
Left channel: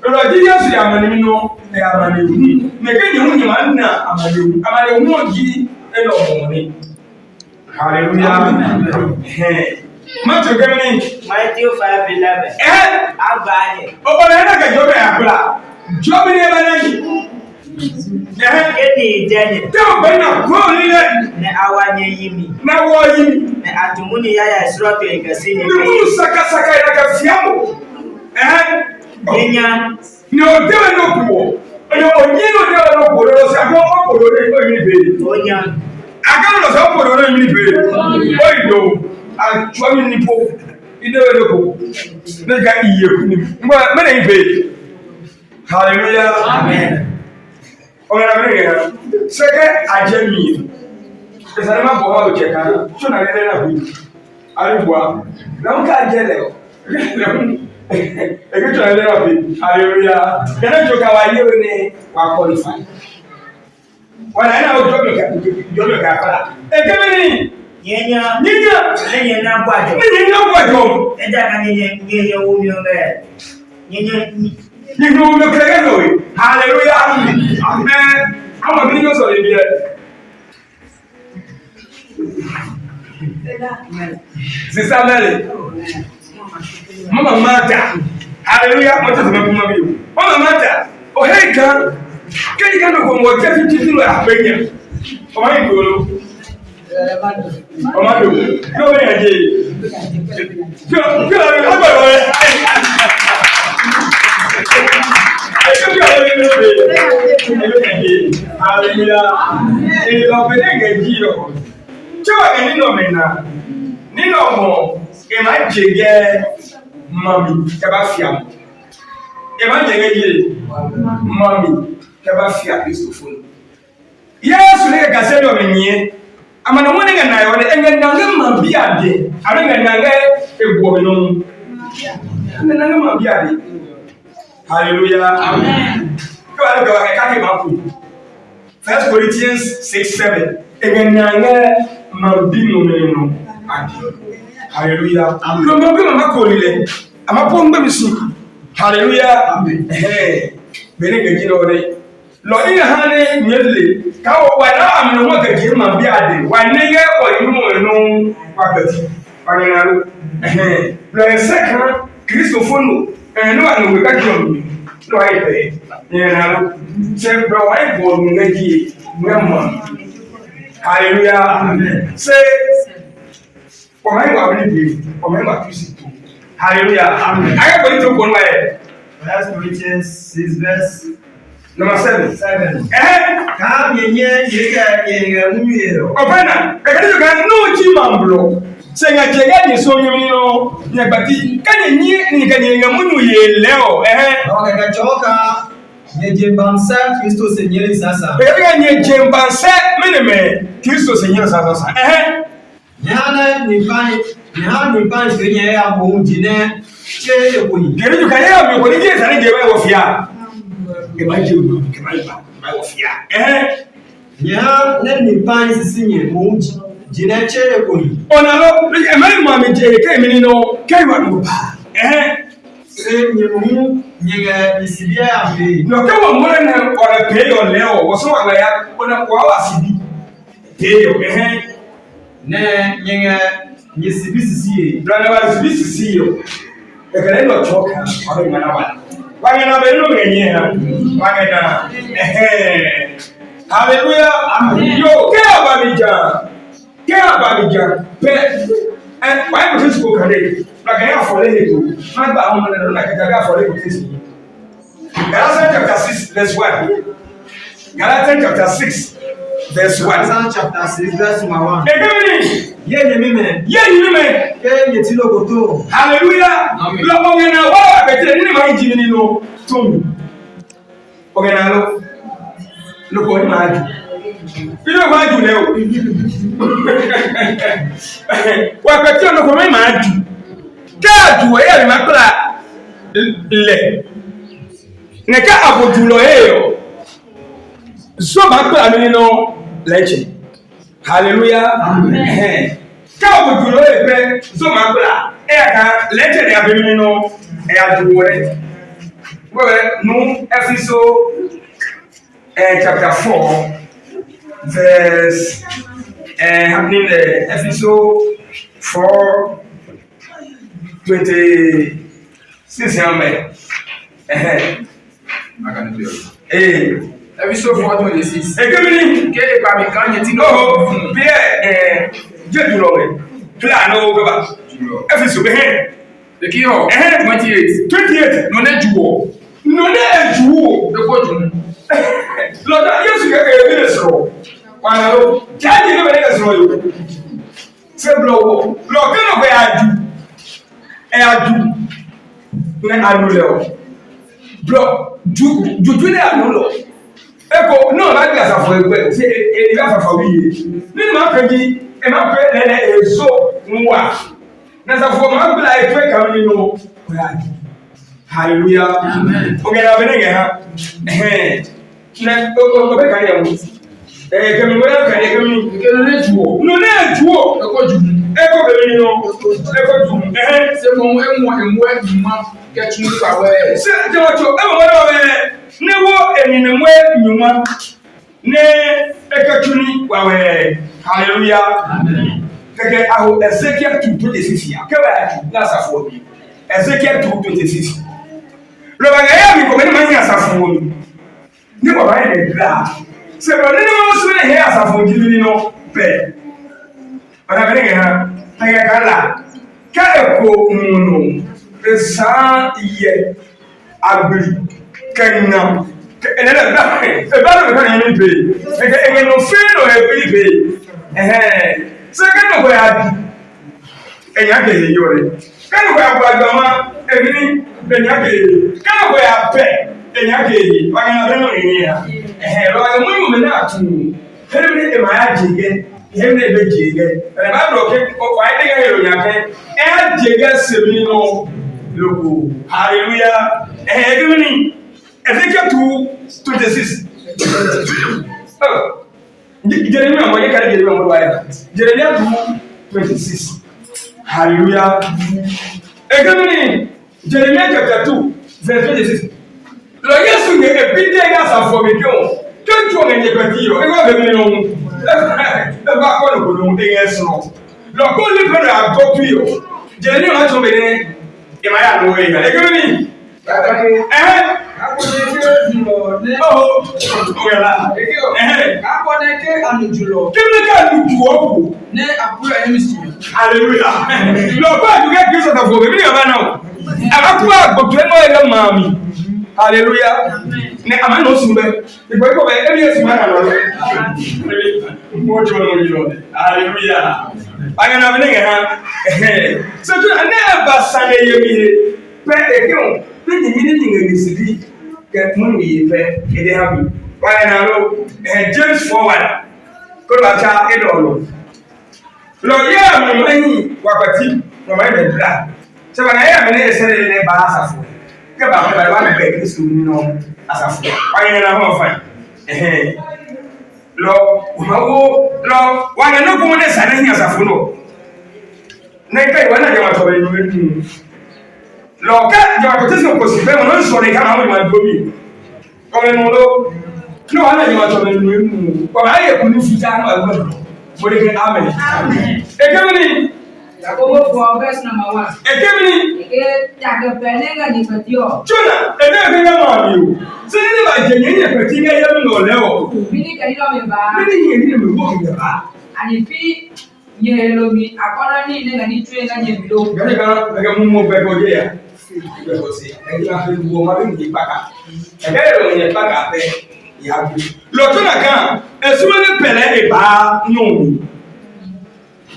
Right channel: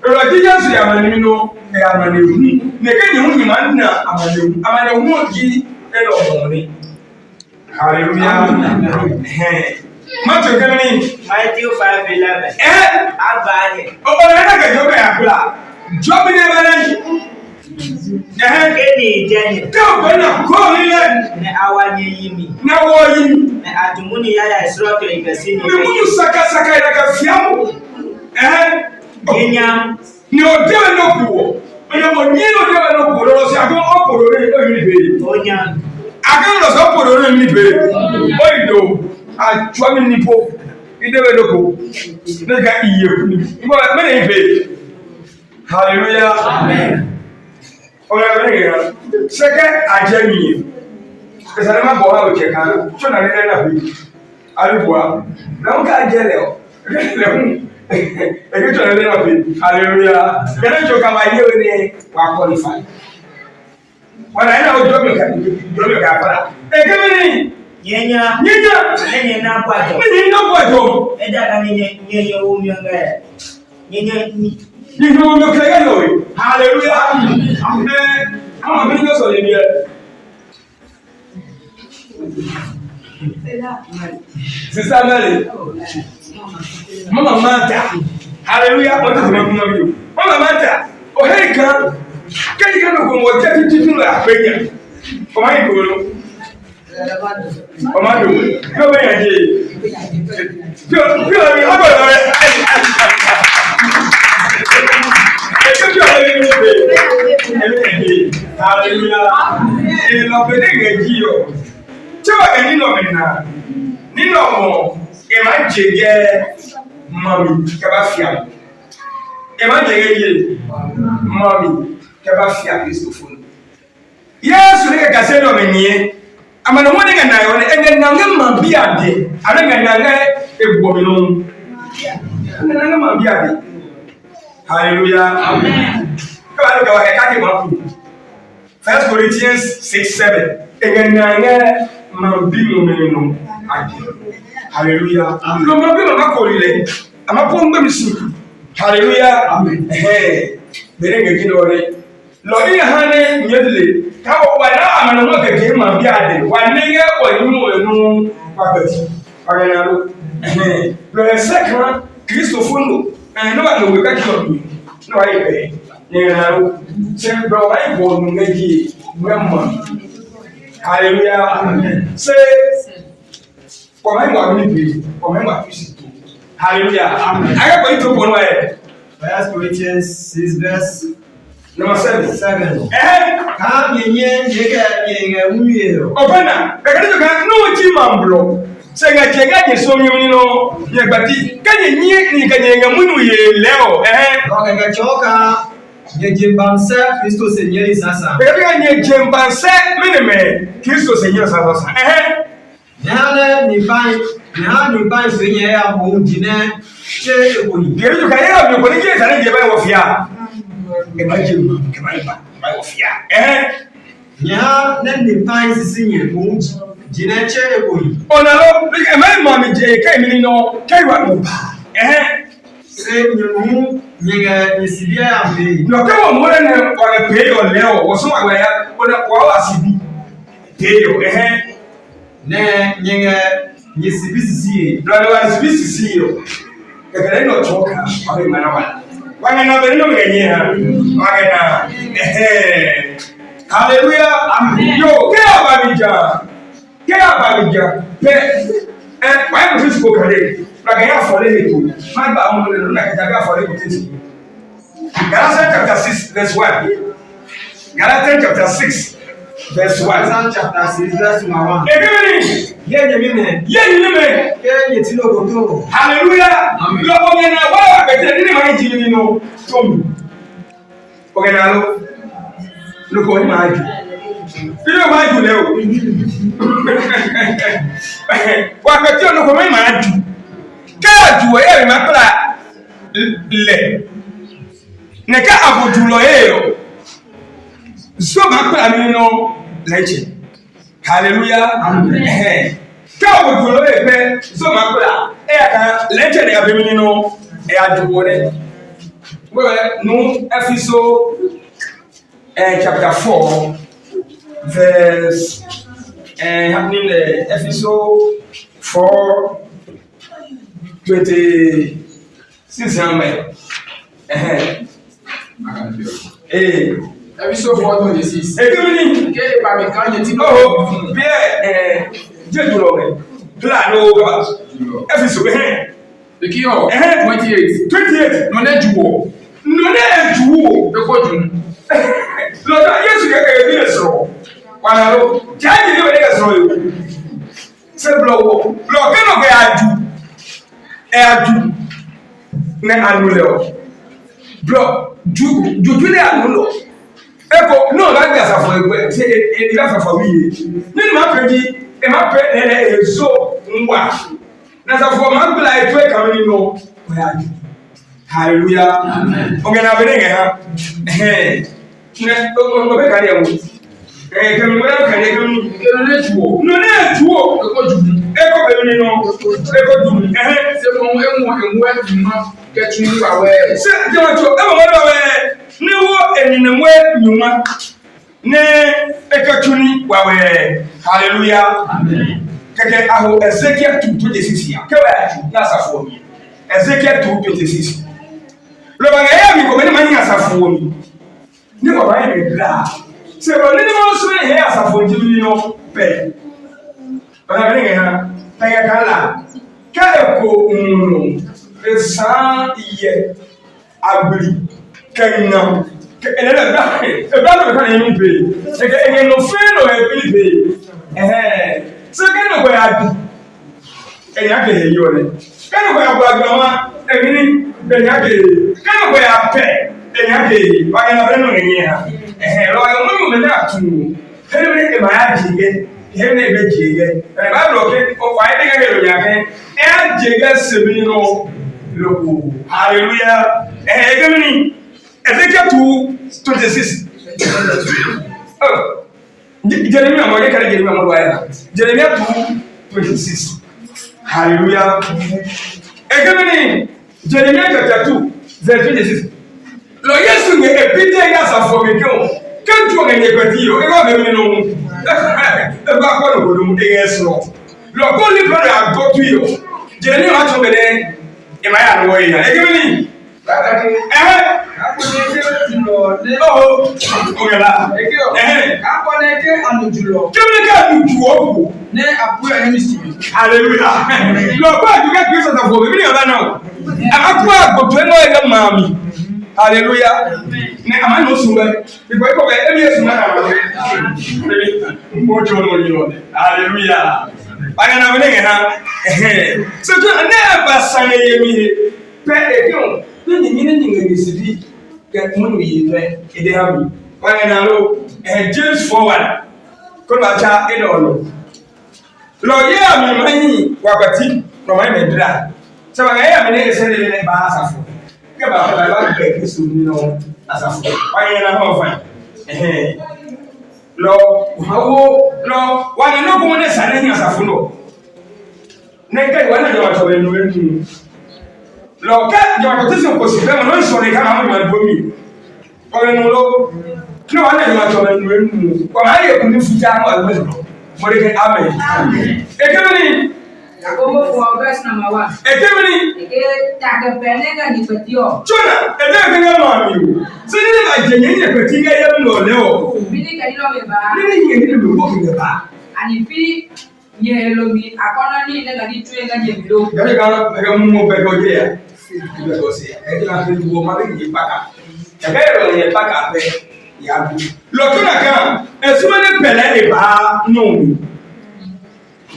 eroji Yesu ya amanehu e amanehu ne ke ni hu nyima na amanehu oji e lo moni. Hallelujah. Matthew 5:11. Abanye O na ga jobe abla jobe ne banani Keni jeni te o bana ko ile ne awanye yimi na wo yi ne atumuni yaya isroto ikasi ni munu saka ina ka fiamu Kenya ni o dewe no kuwo o ne mo nyino dewe no kuwo lo si ago oporo re o yini be Onya ago lo so oporo re yini be o ido a chwami nipo idewe no ko ne ga iye kuni mo me ne be. Hallelujah. Amen. O ya be ya seke ajemi esare ma bo ha o che kan so na ile na bi ariwa na nka jele o ege to ile na bi. Hallelujah. Gene joka wa ile ni wa qualify wala ina o jobe ka fara ege mi Nyenya enye na kwajo ni na kwajo eja ka nyenye wo mi onga nyenye ni no me krege no. Hallelujah. Amen. Ama mi no so ye bi Sister Mary. Mama Mata. Hallelujah. What is my mama? Mama Mata. Oh hey God. Can you go mo je fi titulu apenya. O ma yi golo. O ma do. Yo be yaje. Yo aba re. Hallelujah. E lo be ne ji yo. Chewa ga nino mena. Nino mo e ma jege mami ke ba fia. E ma jege ye mami ke ba fia Christopher. Yesu ne ka se no menye. Amana mo ne ga na yo ne engananga mambi ade. Ana engananga ebuo mi no. Engananga mambi ade. Hallelujah. Amen. Go ahead, ka ke ma ku. 1 Corinthians 6:7. Engananga mambi no meneno ade. Hallelujah. Amen. Lo mambi no makolile. Amapo ngbe misu. Hallelujah. Amen. Bere ngeji no re. Lo ni hane nyedle. Ka wo wa na amano mo ke mambi ade. Wa ne ye oyinu enu papati. Arenaro. Lo ensekra Christopher no. No ba no ka kiyo. No ai be. Arenaro. Se bro ai bo ngeji. Ngam. Hallelujah. Amen. Say, for my wife, for my wife, hallelujah. Amen. I got going to go away. 1 Corinthians 6 verse number 7. 7. Eh? Come ye munyo. Opena, bekani yo kan no chi mamblo. Senga chega ni so mi no, ye bati. Kanye ni kanye nga munyu ye leo. Okay, kachoka ye jembansa Kristo senyeri sasa. Bekani nye jembansa meneme Kristo senyeri sasa. Nyana ni pai senye ya munjine che ekuni. Geri yo kan ya mi ko ni je sare je ba wo fia. E ba je mu ke ba wo fia. Nya na ni pai sisinye munji jine che ekuni. Onalo e mai mami je kai mi no kai wa no ba. Se nyimu nyega nisibia ambe. No ke wo mo na wa pe yo leo wo so wa ya ona wa wa sibi. Pe yo Ne nyega nisibisi Brother was busy yo. E kare no choka wa be mana wa. Wa na be no ngenye ha. Wa na Hallelujah. Amen. Yo ke abamija. Ke abamija. Pe why go to go kare. Like I have for the to. My ba on no na ka ga for the to. Galatians chapter 6 verse 1. Galatians chapter 6 verse 1. Galatians chapter 6 verse 1. Egeni. Ye nyemime. Ke yetilo goto. Hallelujah. Lo ogena wa betere ni ma jini no tomi. Ogena lo. Lo ko ni ma ju. Bilo ma ju le o. Wa betere lo ko ma ju. Ka ju e ma pra le. Ne ka abodu lo e yo. So ma pra mi no leche. Hallelujah. Amen. Ka abodu lo e pe so ma pra ka leche de abemi no e adugo re. Well, no Ephesus chapter 4 verse happening the Ephesus 4 26 amen. Ephesus 4:26. Ekemini Ke ba mi kan yeti no. Oh, bien jedulo me. Tula no baba. Ephesus be here. The key of 28. No na juwo. No na juwo. E ko jun. Lord, Yesu ke e bi nesro. Wana lo, jaji ni we nesro yo. Se blowo. Lo ke no be aju. E aju. Ne anu le o. Bro, juju le anu lo. Eko no ba gba safo egbe. Se e gba safo wiye. Ni ma pe ji, e ma pe ezo nwa. Na safo ma gba e to e ka ni no. Hallelujah. Amen. Okay, na benenge ha. Na o be ka ya mu. Kemi wera ka ya kemi. Ke no na juwo. No na juwo. E ko jun. E ko be ni no. E ko jun. Se mo enwo adwuma ke tun wa we. Se je wa cho, e mo wa we. Ne wo eninenwe nyuma. Ne e ka tuni wa we. Hallelujah. Amen. Keke aho Ezekiel 2:26 ya. Ke wa aju na safo mi. Ezekiel 2:26. Lo ba ya mi ko me ma nya safo mi. Ni ko ba ya dra. Se bro ni ma so ne he asafo jimi no pe. Bana be ha. Ta ya kala. Ka eko no. Esa ye agri kenna. Ele ba. E ba no be kan ni pe. E no fe no e pe. Se ka no ko ya di. E ya ke he yo le. Ka no ko ya gba agama e ni be ya ke. Ka no ko ya pe. E ya ke. Ba na be no ni ya. Lo ya mu me na tu. Hele me e ma ya jige. Hele me be jige. E ba bro ke o kwa ide ga hero ya ke. E jige semi no loko. Hallelujah. Egemi Ezekiel 2:26. Oh. Jeremiah mo ye kare Jeremiah mo wa ya. Jeremiah 2:26. Hallelujah. Egemi Jeremiah chapter 2 verse 26. Lo Yesu nge epide ga safo me ke o. Kentu o nge pati yo. E go be mi no. E go akọ no go no e esro. Lo ko li pere agotu yo. Jeremiah ma cho me de e ma ya no e na. Egemi Hallelujah. Akwa gotu eno ega mami. Hallelujah. Ne amano sumbe. Because ko be ebi sumana no. Mojo no yo. Hallelujah. Aya na mene ha. So to na ba sane yemi pe ekon. Ni ni ngisidi ke munu yi pe ede habi. Aya na lo James forward. Ko ba cha edo no. Lo ya mi mani wabati no mai medra. Se ba na ya mene esere le ba asafo. Ke ba ba ke Kristo ni no asafo. Aya na ho fa. Lo wana no ko ne sane ni asafo no. Na kai wana jamaa to be nu. Lo ka jamaa to tesi ko si be mo no so ne kama mo ma domi. Ko no lo no wana jamaa to be nu. Ko ma ye ku ni fuja no agbe. Mo de ke amen. Ekemini Yakobo 4 verse number 1. Ekemini Eke take penega ni patio. Chona ebe ke ma mi o. Se ni ba je nye peti ga yam no le o. Bini ka ilo me ba. Ni nye ni lo wo ke ba. Ani fi ye lo mi akono ni ne ga ni tue ga je bilo. Gari ga mu mo be ko je ya. Be ko se. E ga fe wo ma be ni paka. E ga ro ni paka pe ya bu. Lo to na kan e su ni pele e ba no mi.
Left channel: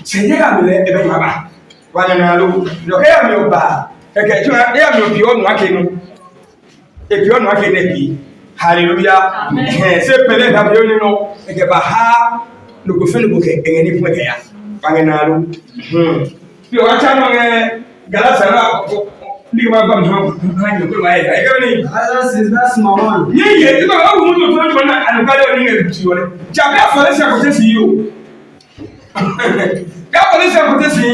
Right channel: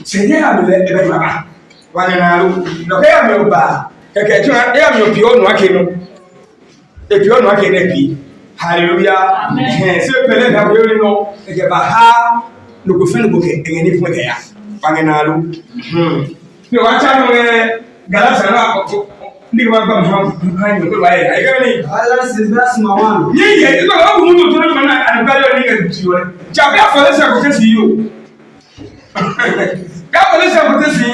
Se ye ga le e be baba. Wa na lo. Lo ke ya mi o ba. Keke tuna e mi o pi onu ake no. E pi onu ake ne pi. Hallelujah. Amen. Se pele ga bi oni no e ke ba ha no go fe no go ke engeni fu ke ya. Wa na lo. Ni wa cha no nge Galata na ko ni ba ba ha kan yo ko wa ya. E ke ni. Galatians 6:1. Ye iko ba mu to to na an ka yo ni nge ti yo. Ja be afole se ko te si yo. Ya afole se ko te si.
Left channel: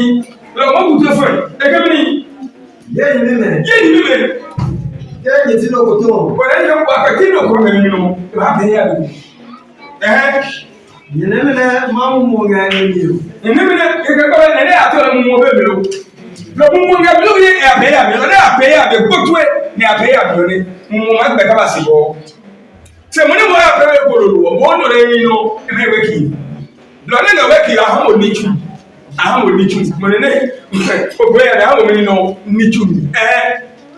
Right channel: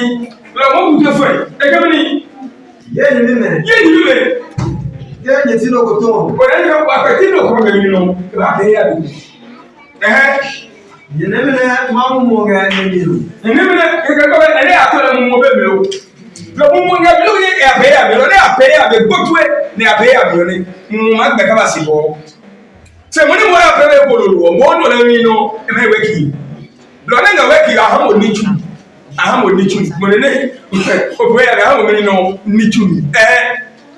Lo mo bu to fo. E ke ni. Ye ni me. Ke ni ti no ko to. Ko e yo pa ka ti no ko me ni no. Ba be ya du. Ye ne me ma mu mo ga ni ni. Ni me e ka ko e a to mu mo be be lo. Lo mu nga bi lo ye e a be ya bi lo ne a be ya be gbotwe ni a be ya bi lo ni. Mu ma gbe ka ba si bo. Se mo ni mo la pe ko lo lo mo do le ni no e me we ki. Lo ne na we ki a ha mo ni chu. A ha mo ni chu. Mo ne o be ya ha mo ni no ni chu.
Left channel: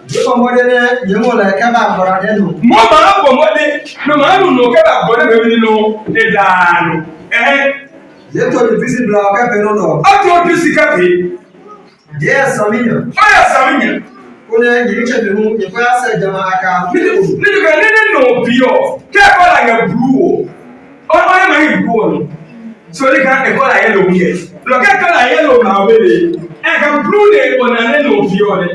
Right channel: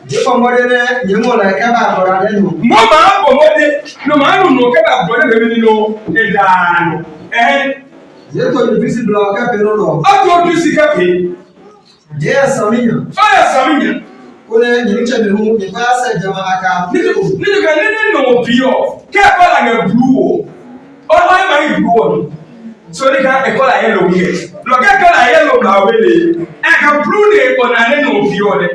Ye ko mo de ne ye mo la ka ba bora de no. Mo ma bo mo de no ma nu no ka ba bo de be ni no e da no. Ye to ni visi bla ka pe no no. A to tu si ka pe. Ye saminya. Aya saminya. Ko ne ni che me hu ye ko asa jama aka. Ni ka ni no bio. Ka ba la ga blue o. O ma ni blue no. So ni ka e ko la yellow here. Lo ka la yellow ka we le. E ka blue le o na ni no bio le.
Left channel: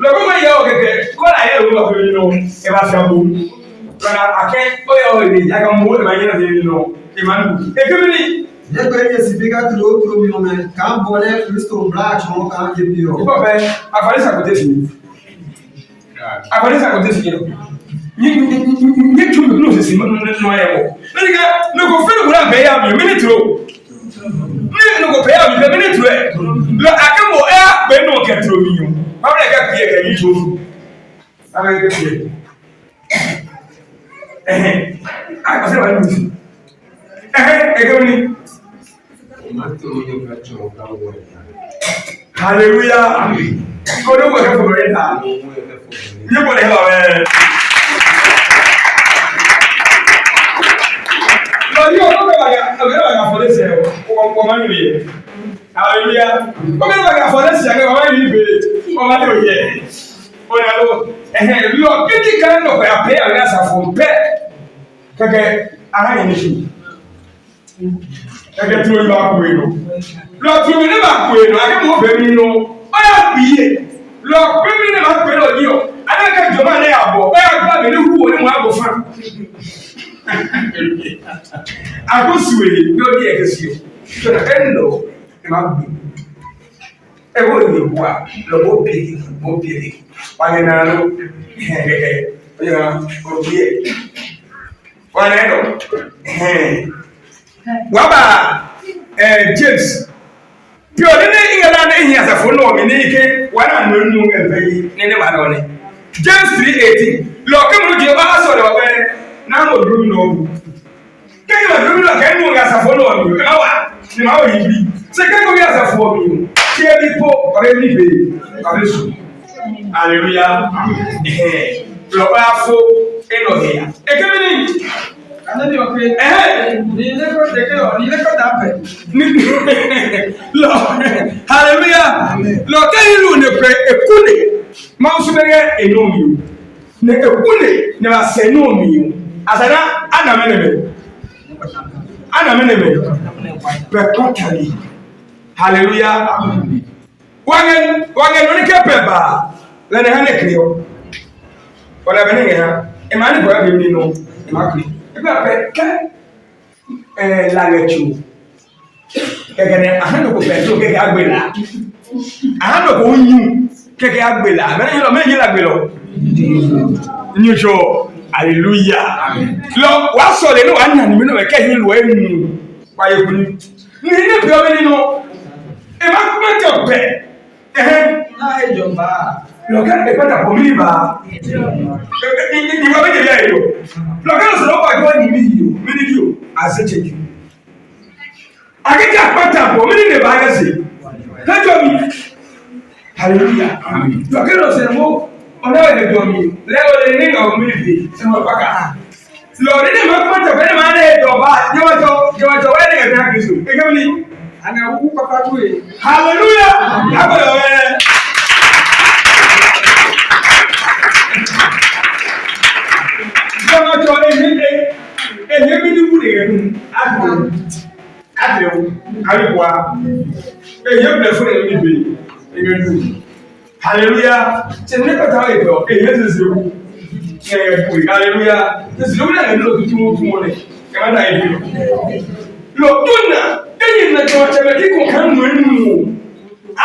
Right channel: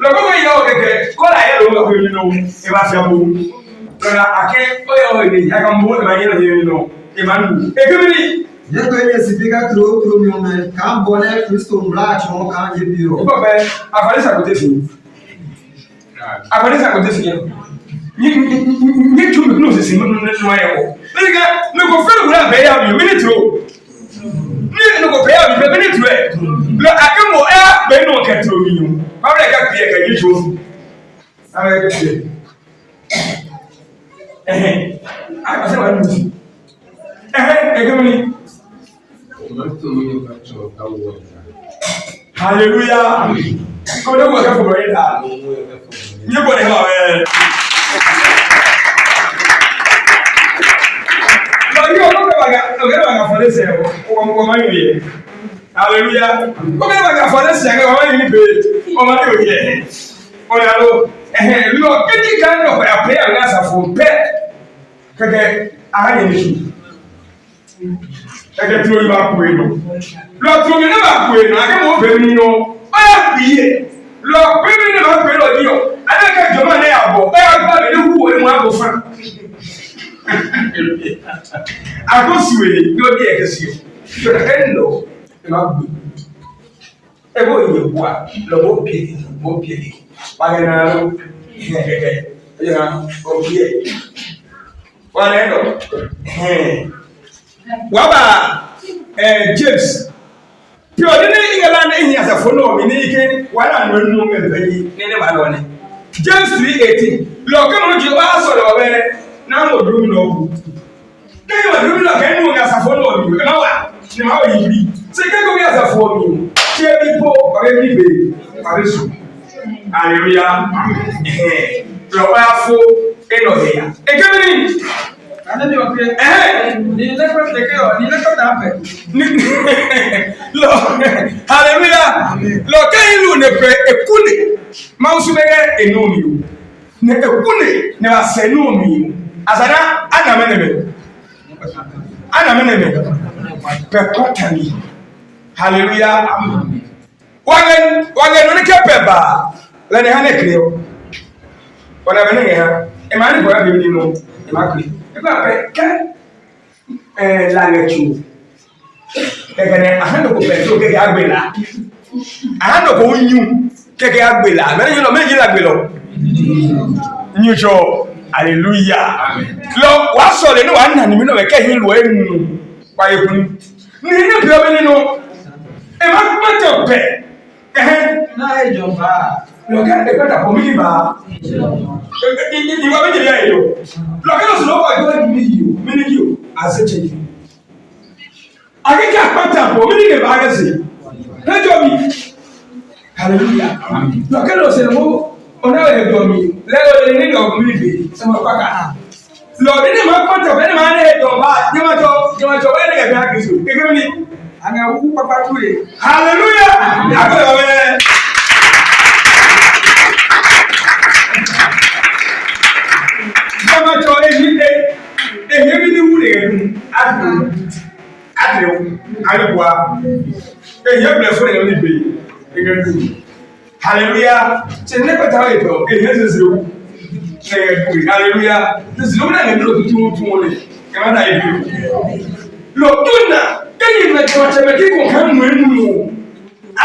Lo ko ya o ke ko la yellow ka we no. E ba fa bo. Lo na ake o ya o ni ya ka mo ma yellow here no. E man bu. E ke ni Ye ko ye sipika tro mi o me ka bo ne Kristo mbla chon ka ye bi o. Ibo be afari sa ko te fi. Afari sa ko te fi no. Ni tu no se no ya mo. Ni ka no ko fe no la be ya mi minute ro. Ni no ko be ya mi be minute ro e. Lo akemo e be no ke tro mi yo. Ba le ka pie ka yi tro. Ave ke pie. A se wa ni. E ke ni. Hallelujah. Ko do wo ka fo re ta. Ni bo le ba we. Lo yo no ba ga fo le se o ma ni ye. Hallelujah. Ko be ba ga fo le se ga ma ni be. O ma ni o ye. O ya lo lo ke di kan no ya pe ya na sa fo pe. Keke ara ni su. Eke tí ó ní bá kú inú. Lọ tí omi ní bá kú inú, akẹ́kọ̀ọ́ obìnrin nínú, ó yà pìyè. Lọ pé mi ní bá pè lọ díọ̀, adékẹ́ ìjọba ní àbọ̀, ó yà gbà mí ní wúwo ní wọn àbọ̀ fún. Àkóṣùwèé ní ó ní ẹ̀kẹ́ sí o. Ṣọ̀nà ẹ̀ ń lọ, ẹ máa gbé. Ẹ bó yẹ bu a, lọ bó pìyè. Wàá náà lọ, ó yẹ kó pìyè. Wàá náà lọ, waba James pio ni ingala na ehia safo no mi ni ke wana no nu ngefayi ni wa lo ni James 3:18 lo ke mo je ba so le ba na mo dum no bu ke yo dum lo ke nu ga safo no mi na wa ni ma o yi bi se ke ko ga safo mi ke bi po ba be ni be ba be su Hallelujah. Lọ́wọ́yàfó ẹnọ ẹ̀yà. Èkémi ni. Àlejò ọ̀pẹ. Ní ilé kọ́tà pẹ̀. Lọ hallelujah. Lọ kẹ́yìn lù ní pẹ̀ ekúni. Máa ń súnmẹ́gẹ́ ẹnu mi o. Ní ekúni ní wàá sẹ́ ẹnu mi o. Àsàdá ànàmẹ́nẹ̀mẹ́. Pẹ̀ kọ́tà ni. Hallelujah. Wagẹ nínú kẹ́pẹ̀ bá lẹ́nu hàn kiri o. Wọ́n abẹ́ nìyẹn ha. Ẹ̀ máa ní bọ̀rọ̀ bẹ̀rẹ̀ nínú ẹ̀ máa kiri. Ẹ̀ bá pẹ̀ kẹ́ lálẹ́ tù. Kẹ̀kẹ́ ní ahánàkó pẹ̀lú kẹ̀kẹ́ agbèlà. Ahánàkó ń yún kẹ̀kẹ́ agbèlà. Mẹ́rin lọ méjì lágbèlọ. Nyújọ hallelujah. Lọ wàá sọ̀rọ̀ ní wàá nà ní mi náà kẹ́ yín lọ ẹ̀ nù wáyé kuni. Ní ilé ìpè ọbẹ̀ nínú ẹ̀ má tẹ̀ pẹ̀. Náà ẹ̀jọ̀ bá. Lọ́kẹ́ ẹ̀pẹ́ dàpọ̀ mí níbà. Ìwà méjì bí ayé o. Lọ́kẹ́ lọ sọ̀rọ̀ ọkọ̀ ìwọ́n ní mí yìí o. Mí ní yìí o. Àṣẹ jẹ yìí. Akẹ́kẹ́ àpáta àpọ̀ mí ní lè bá ayé sè. Lẹ́jọ́ mi. Hallelujah. Lọ́kẹ́ lọ sọ̀rọ̀ mọ́ ọ̀nà ẹ̀dọ̀ mi. Lẹ́wọ̀ lè ní ìgbà mi bè. Sẹ́wọ̀n pàkà. Lọ́ọ̀dẹ́ ní ìmọ̀ pàtàkì bẹ́ẹ̀ ni máa ń ẹ̀dọ̀ bá. Jẹ́wọ́jọ́ wẹ́ẹ́ ní ẹ̀mí àkìsù. Kékeré ni. Àná òkú pápá tó yẹ. Hallelujah. Akọ̀yọ̀ wẹ́ẹ́. Jẹ́wọ́jọ́ èyí mi ní wúlò yẹn dùn. Adìrẹ̀ wù. Ayọ̀bùa. Èyí bẹ̀rẹ̀ fún ẹ̀yọ́ níbẹ̀ yẹn dùn. Hallelujah. Ṣé ní pẹ̀tà ìtọ̀ èyí ṣẹ̀ṣẹ̀ wù. Hallelujah. Ṣèṣẹ̀ wù náà lè nílò tuntun fún wọn lẹ̀. Ẹ má dà yẹ bí o. Lọ dùn náà. Ẹ̀yin na jẹ́wọ́jẹ́wẹ́ kí kò kàn mú ẹnu mu.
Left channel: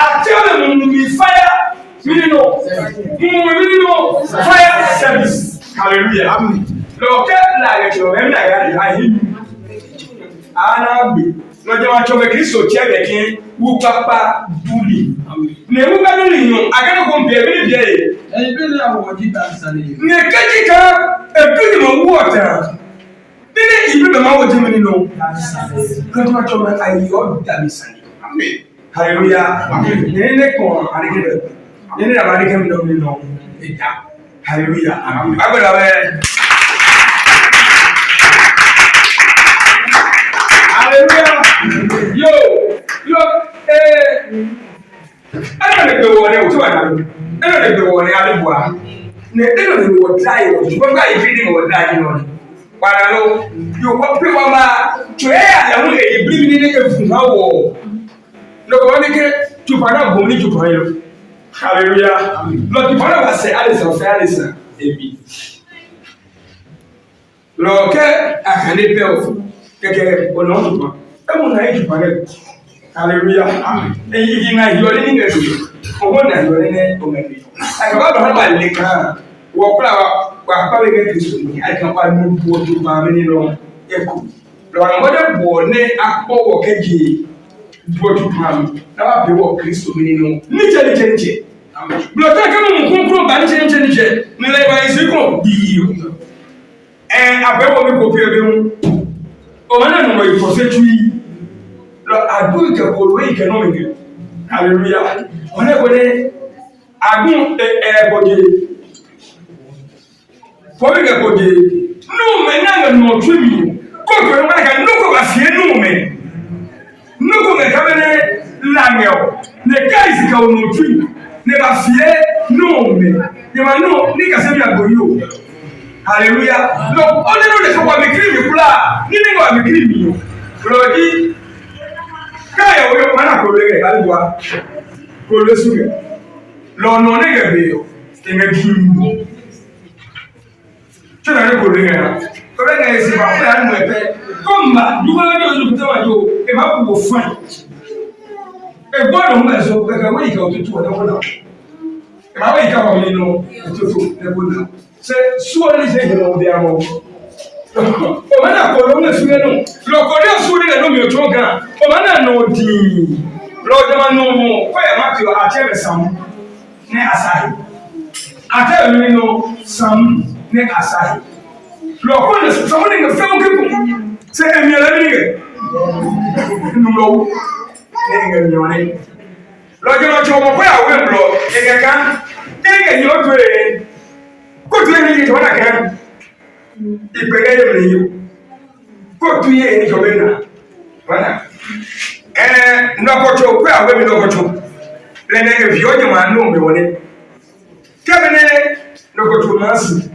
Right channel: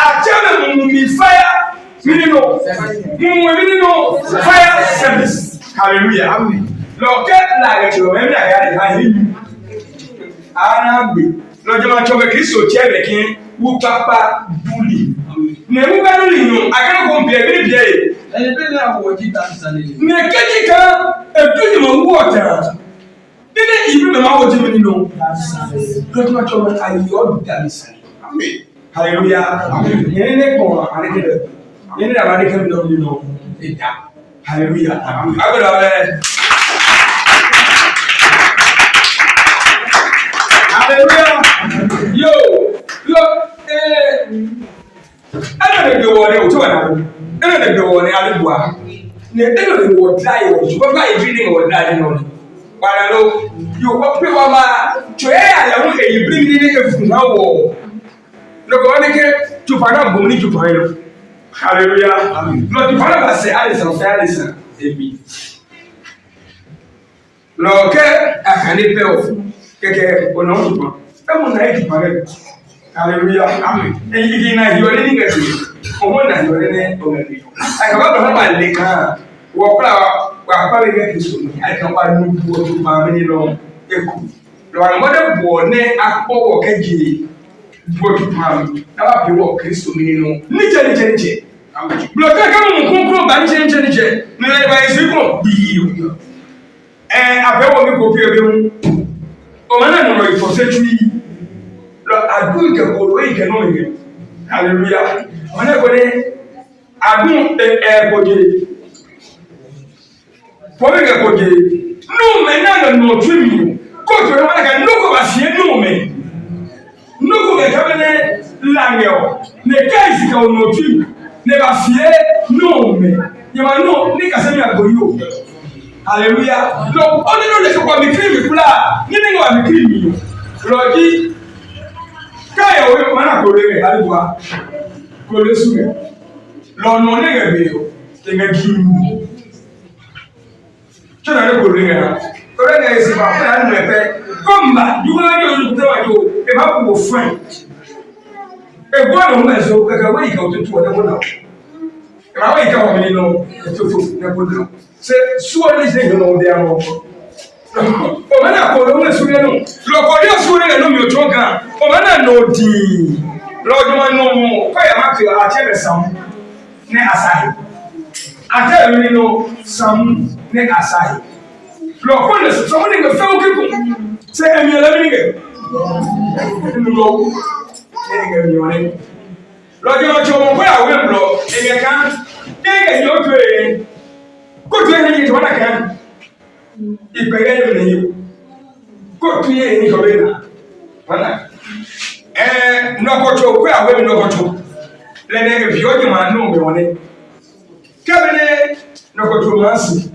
Àjẹ́wẹ́ mú mi fire mínínú fire service. Hallelujah. Lọ́kẹ́ láàyè tí ọ̀rẹ́ náà yà á yé mi. Àná gbé lọ́jọ́ máa tọ́ bẹ kí sọ tiẹ̀ bẹ̀ kí wú pápá dúlì. Nà ewu bá dúlì yàn akẹ́kọ̀ọ́ bìẹ̀ bí bìẹ̀ yẹ. Ẹyin bí ní àwọ̀ jí ta sálẹ̀ yìí. Nà kéjì kan ètò ìmọ̀ wú ọ̀tà. Nínú ìbí bẹ̀ máa wọ jẹ́ mi nínú. Lọ́jọ́ máa tọ́ bẹ ayọ̀ dàbí sálẹ̀. Hallelujah. Yẹ́nì ní kàn àdékẹ́dẹ̀. Yẹ́nì ní àbádékẹ́ mi lọ́wọ́ nínú ìjà. Hallelujah. Agbẹ́dọ̀ abẹ́. Hallelujah. Yo, ẹnna lè gbé wọlé o tí wà nàbó. Ẹnna lè gbé wọlé alébùá. Nè ẹnna lè wọ dá yẹ wọ ṣùgbọ́n báyìí fi ní wọ dá yẹ nọ ni. Wàdà ló yóò wọ́n pé wọ́n máa tó ẹ̀ àyàwó èyí bí mi ní efun náà wọ̀. Lọ́kọ̀ wọ́n ní ké tupa náà bò ní tupa yẹn. Hallelujah. Lọ tupa náà bá sẹ́ Alison fẹ́ Alison èmi. Lọ́kẹ́ àkànní pẹ́ o kẹ̀kẹ́ ọ̀nà tupa. Ẹ mú náà yẹ tupa yẹn. Hallelujah. Eyi na yọrẹ ní gẹ̀ẹ́sì. Ọmọ na yọrẹ ní ọ̀gẹ̀dẹ̀. Àkàbà bàbá bá lè kàn. Wọ́n kúrò wà pàrọ̀ yẹn kìí sọ̀rọ̀ ní àìkàn wà ní buwọ́ tó bá mi nínú ẹ̀kọ́. Lọ́wọ́ àwọn ọmọdé bọ̀ ní akpọ̀wọ̀ kẹ́jì buwọ́ tó bá mi. Náà bẹ̀ wọ̀ Kristo mi nínú. Níjẹ́. Bùrọ̀dá kẹ́mi mú kúnkúrò bá níjẹ́. Nílẹ̀ ìbá yẹn sí kàn bíi. Àbẹ̀wò mi kò fi ẹbẹ̀ mu. Ọmọ náà nọ̀rọ̀ ìfọ̀sẹ́jú yìí. Agun kekolo yi kẹ nọmi kẹ hallelujah wọn ne ko ne agun ẹgbọdze fọmi kẹgbọdze nume n'anga nọtú mi kóòtù yẹn wọn kẹ nuku ba fie nume nuku kẹ kẹbẹ ne langẹ o ne káyìsì kẹ o nọtú ne ba fie nume ne ma nu ni kase mi agbo yi o hallelujah lọ ọdún ní o lè sọ wà mí kiri mi kula ní ní wà mí kiri mi o lọ́ọ̀dì. Káyọ̀ wí ọmọ náà kò lè rẹ̀ àríwá kò lè súnmẹ̀ lọ́nà onígbẹ̀gbẹ̀ ẹgbẹ̀ gíìmù tí ó náà ní kò lè rẹ̀ ọ̀rẹ́ náà èsì bá fún àánú ẹ̀fẹ́ kọ́mbà dúgbọ́n ní ojú tẹ́wà yóò ẹ̀bá kò wò fún ẹgbọ́n ọ̀hún ẹ̀sọ́ kẹkẹ wọ́n ìkà òtútù ọ̀dẹ́gbọ́n náà ẹ̀bá wọ́n ìkà wọ́n nínú ètòtò ẹgbọ́n náà ṣe súwọ́ ní ṣe ìdùnnà ọdẹ àwọn ọmọ náà kò lówó ìsúnlẹ̀ náà lọ́kọ̀ọ́dé ìsúnlẹ̀ náà mi ò tó gan ọmọ náà nà òdì lọ́dún wọn nù mú fẹ́yà má ti àti ẹ̀rẹ̀ sàmú ní àsáyé àti ẹ̀rẹ̀ nínú sàmú ní àsáyé lọ́kọ̀ọ́ ní sàmú ní fẹ́wọ́ kíkùn ṣe ẹ̀mí ẹlẹ́mí rẹ̀ nínú lọ́wọ́ ní ẹ̀mí ọ̀rẹ́ lọ́dún wọn tí ọmọ fẹ́yà wé mbọ̀ ẹ̀gẹ̀ kan Kenge nyote. Ko tu ni to na kan. Ipege ye mne yo. Ko tu ye ni ko be na. Wana. Ndokocho kwa awe mi ndokocho. Le nenge vyoje manu me wone. Kebene ndokocho masi.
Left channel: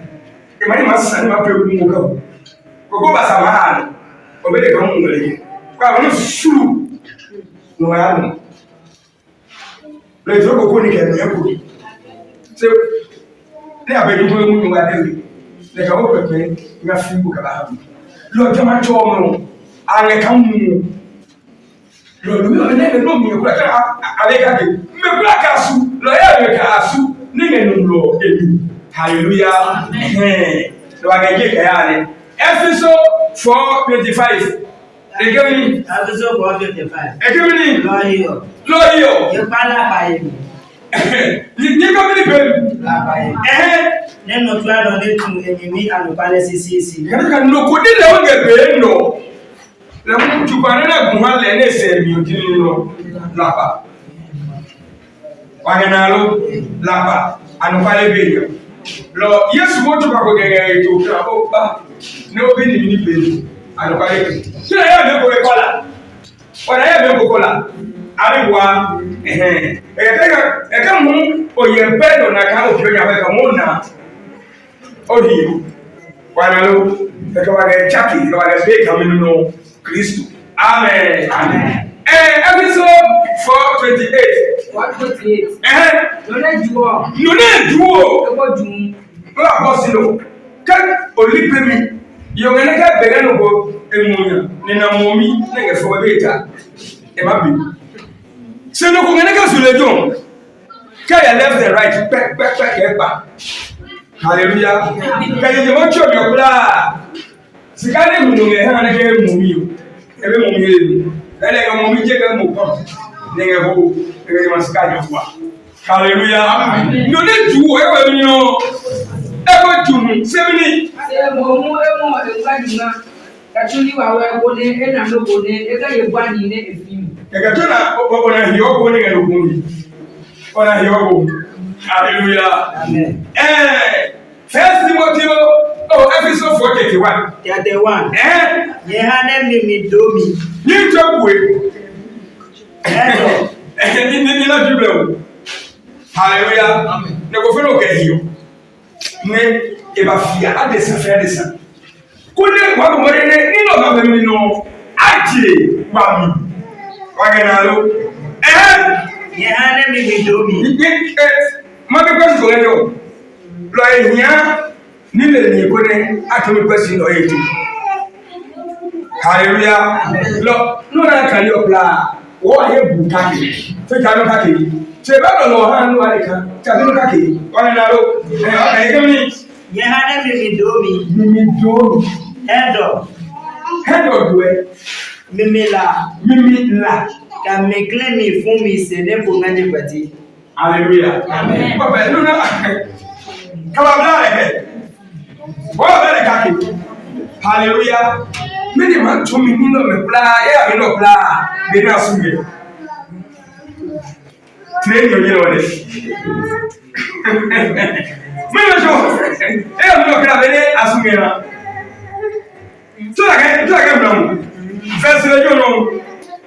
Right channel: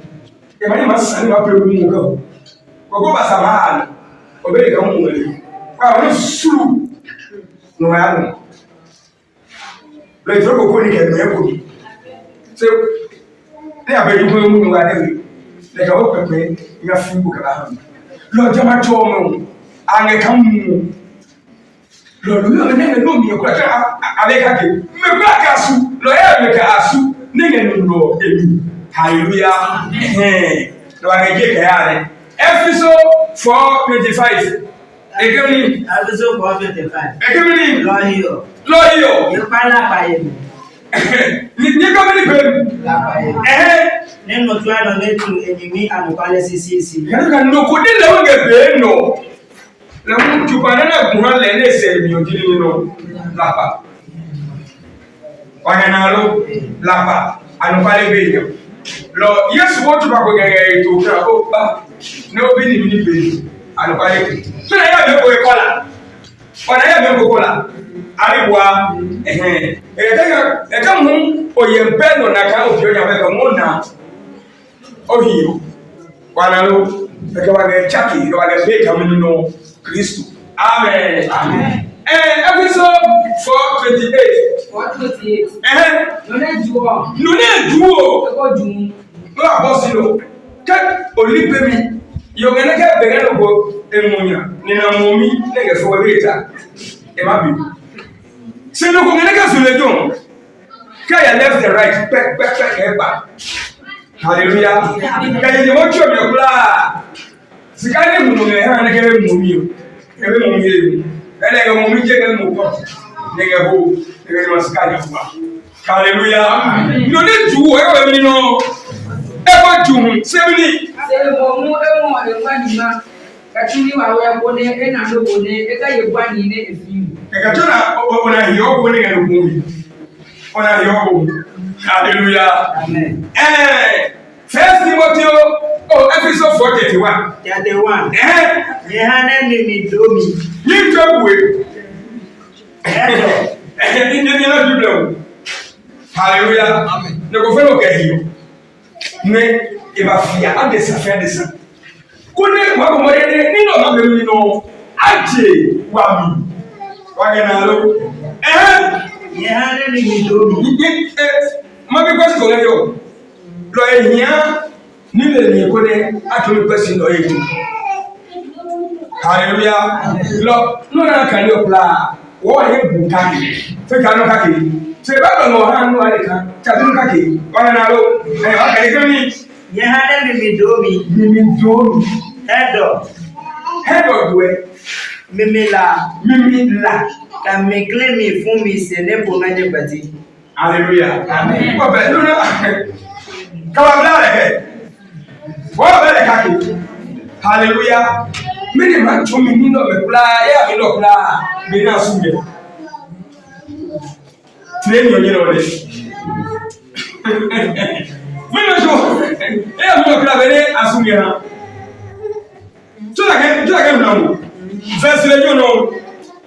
E mani masi ni mape mu ko. Ko ba sabahana. Obere ka mu ngale. Kwa wono suru. No ya no. Le troko ko ni ke no ekodi. Se ne abedi ko mu no wa dewe. Le ka wo pepe ya fimbu ka ba ha. Lo jama to mo. Ange kan mu. Lo yo ne no mi ko ka aleka ke. Me ko ka su. Lo ya me ka asu. Ni ne no lo ebi. Hallelujah. Lo agege ke ya ne. Episode 4:25. Egeni. Episode 4:25. Egeni. Lọ́yọ̀. Lọ́yọ̀. Ìpalà pààyè mi. Ní kọ́mínì pẹ̀lú. Lápàyè. Nínú tí wàá lọ létú èmi àlùpàlẹ̀ sí. Yàrá kan nù kò ní lẹ́wọ̀n gẹ̀bẹ̀ nù. Lẹ́wọ̀n tukọ̀ nínú ẹ̀gùn hàn lẹ́ ní ẹsẹ̀ mi ò dín nínú lápá. Ọ̀yànàló lápá àlùpàlẹ̀ bẹ̀ yẹn. Lọ Yéṣu wọ́n tún bá kó gẹ̀gẹ̀ ètò òkè àbó bá ní ó bí nìmi ní pẹ̀lú àlùpàlẹ̀ bẹ̀. Tí wọ́n yà mí kó ẹ̀kọ́ la, wọ́n yà mí kó kọ́ la. Abiwa eka mu oyembe no na kan obi onya be ka mu na ohi wanalo eka wa ga chaki wa ga be ka minu no Kristo amen episode 4:28 Nune juo eko jun no abosilo ke olipe mi yo gele ka bere no go emunya ni na momi na ge fo beta e ma bi. Se no congenega sur le don. Quand il left and right, Hallelujah. Quand il est mocho mi okula. Si quand il mu nge ha na ke mu mi o. E be mu mi le. Ele ga mu mi je ga mu ko. Ne ga ho, e ga ma ska jo kwa. Hallelujah. No ne ju o e wa mi no. E ko ju se mi. Se mo mu e mo e ngwa ni ma. Kachuli wa we ko ne e na no ko ne e ga ye gwa ni ne e fi. Ekatona ona hiyo ko ne ga no gumi. Ona hiyo ko. Hallelujah. Amen. First Timothy episode 4:31. 31. Ye hane mi domi. Ni tobwe. Ni na Bible. Hallelujah. Amen. Ne ko felo ga hiyo. Ne e ba fia adesa fe adesa. Ko ne wa mo ne ni no ma be mi no aje wa mi. Wagenalo. Yehane mi domi. Ma be kwesi ko nyo. Lo ehia ni le ni ko ne atomi kwesi no etu. Hallelujah. Lo no na kan yo pla. Wo aye bu kake. Fe ka no kake. Se ba do no han no ale kan. Ta no kake. Wagenalo. O ka ye mi. Yehane mi domi. Mi domi. Head of we. Mimi la. Ka me claim me fún mi se ne po nganje pati. Hallelujah. Amen. Wa be no na. Ka wa bla le. Wa be le kake. Hallelujah. Me de man to mi no me kula, e mi no kula. Be na sunge. Train yo yelo le. Me no so. E mi no kula be ne asunge na. Tu la ke no. Verse le yo no.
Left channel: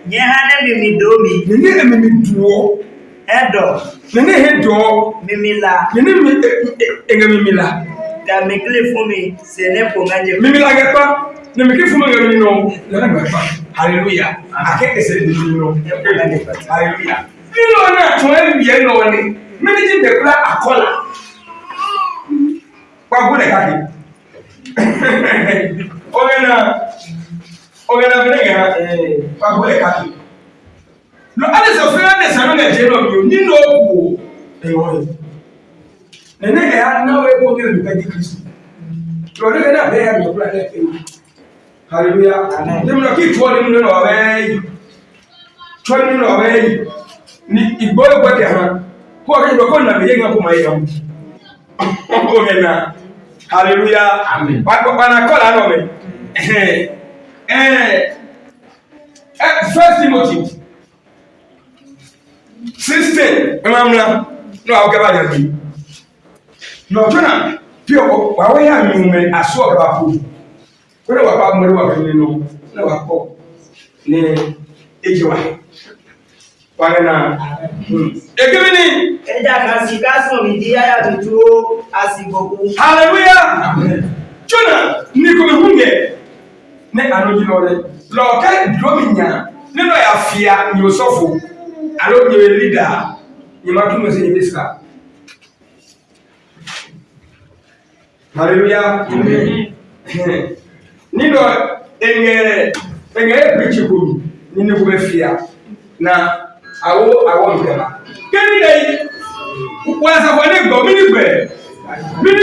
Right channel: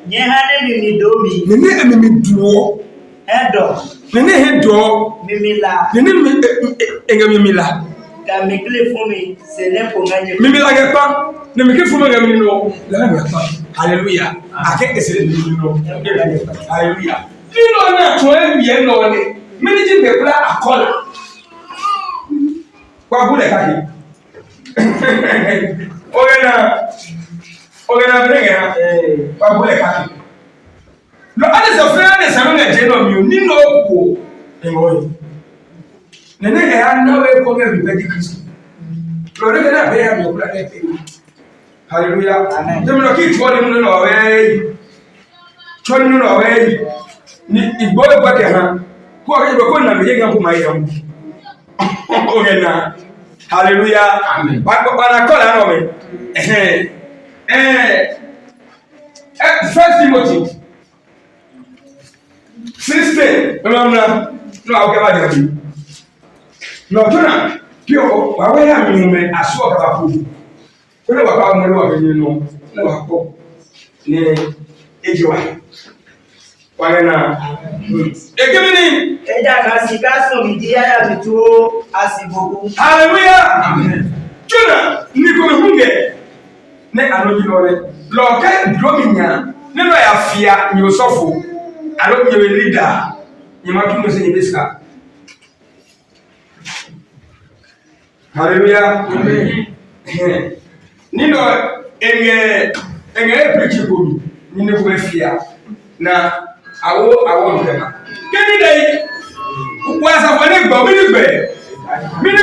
Yehane mi domi. Nene mi duo. Hedo. Nene hedo. Mimi la. Nene mi la. Ka me claim fún mi se ne po nganje. Mimi la ga pa. Ne mi ke fún mi ga mi no. La ga pa. Hallelujah. Ake ese mi no. Hallelujah. Ni no na to e bi no ni. Me ni ji be kula akola. Kwa gule kake. Ogena brenge ha kwa gule kake. Lo ale so fira ne sanu na je no mi o ni no wo. Engo. Nene e ana we ko ge bi pedi Kristo. Lo ne na be ya mi kula ne pe. Hallelujah. Amen. Dem no ki tuo dem no we. Tuo dem no we. Ni igbo gba ke ha. Ko ga be ko na me ye ga ko mai ha. Ogena. Hallelujah. Amen. Ba na kola no me. First Timothy 16. Remember, no, I'll get back to you. No tuna pio wa we ya mi me aso ka ba ku. Ko ne wa pa mo wa ni no na wa ko. Ne ejiwa. Wa na. Ekemini Eja kasi kaso mi dia ya bituo asiboku. Hallelujah. Amen. Tuna ni ko me hunge. Ne anoji no le. Lo kai dominya. Ne no ya fia ni osofo. Alo ni leader. Ni ma tunu se ni beska. Hallelujah. Amen. Nindo enge preach ko ni ne ko be fia na awo nkema. Keni dai wa sa fo ne gbo mi ni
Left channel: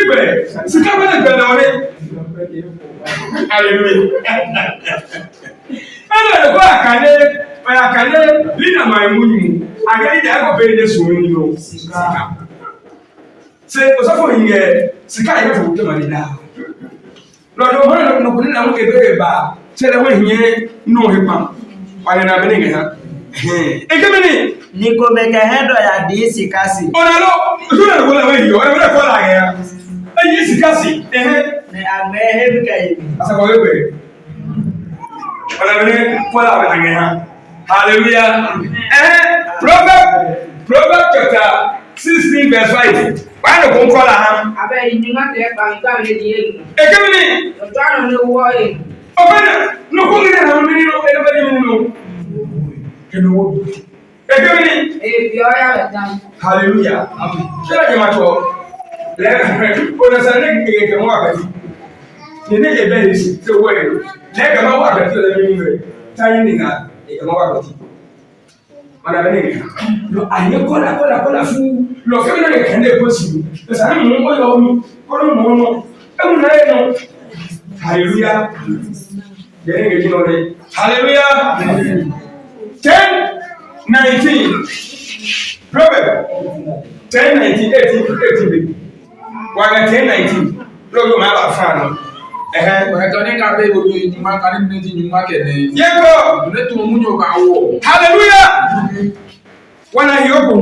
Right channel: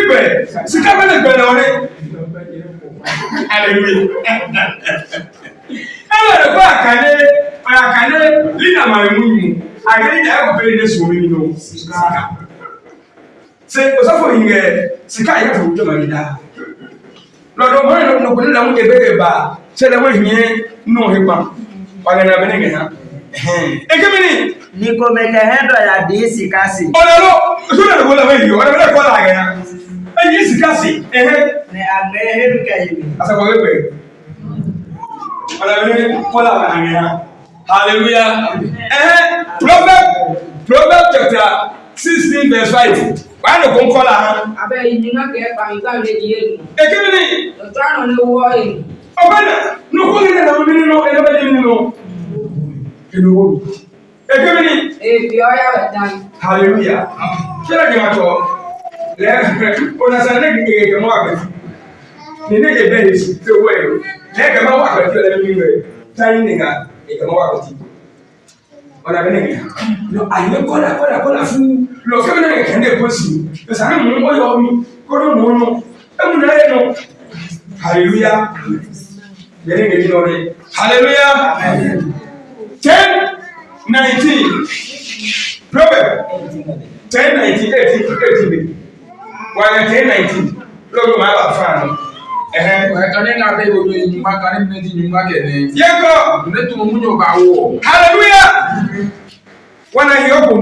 gbe sika be ne gbe na ore. Hallelujah. Ana ko akane lina mai munyu agani da ko be ne so mi no sika. Se osafo hinge sika ya ko de da. Lọ́dọ̀ wọ́n no kun na mu ebe ba se da wọ́n hinye no hepa. Wala na be ne ha. Ekemini Niko meke hendo ya di sikasi. Ona lo so na ko la we yo ona be ko la ga. Ayi sikasi. Ne agbe hebi kai. Asa ko we. Ona be ko la ga ha. Hallelujah. Proverbs chapter 16 verse 5. Why no kon ko la ha? Abe inyuma ke pa nka le di elu. Ekemini Ojo anu le wo e. Obana no ko ni na mi no e ba ni no. Keno wo. Ekemini E bi o ya we dan. hallelujah. Kila jema to le ona sa ne ke mo akati. Ni ne je be si se wo e. Le ke ma wa akati le mi ni. Tai ni ga e ke ma wa akati. Ona be ne. No aye kola fu. Lo ke na ke ne ko si. E sa na mo yo mi. Ko no mo no. E mu na e no. Hallelujah. Dere ke no re. Hallelujah. 10:19. Proverbs 10:19. Why 10:19? Logo ma ba fa no. Wa ka ne ga be go ni nyuma ka ni ti nyuma ke ne. Yego. Ne to mu nyo ba wo. Hallelujah. Wana hiyogo.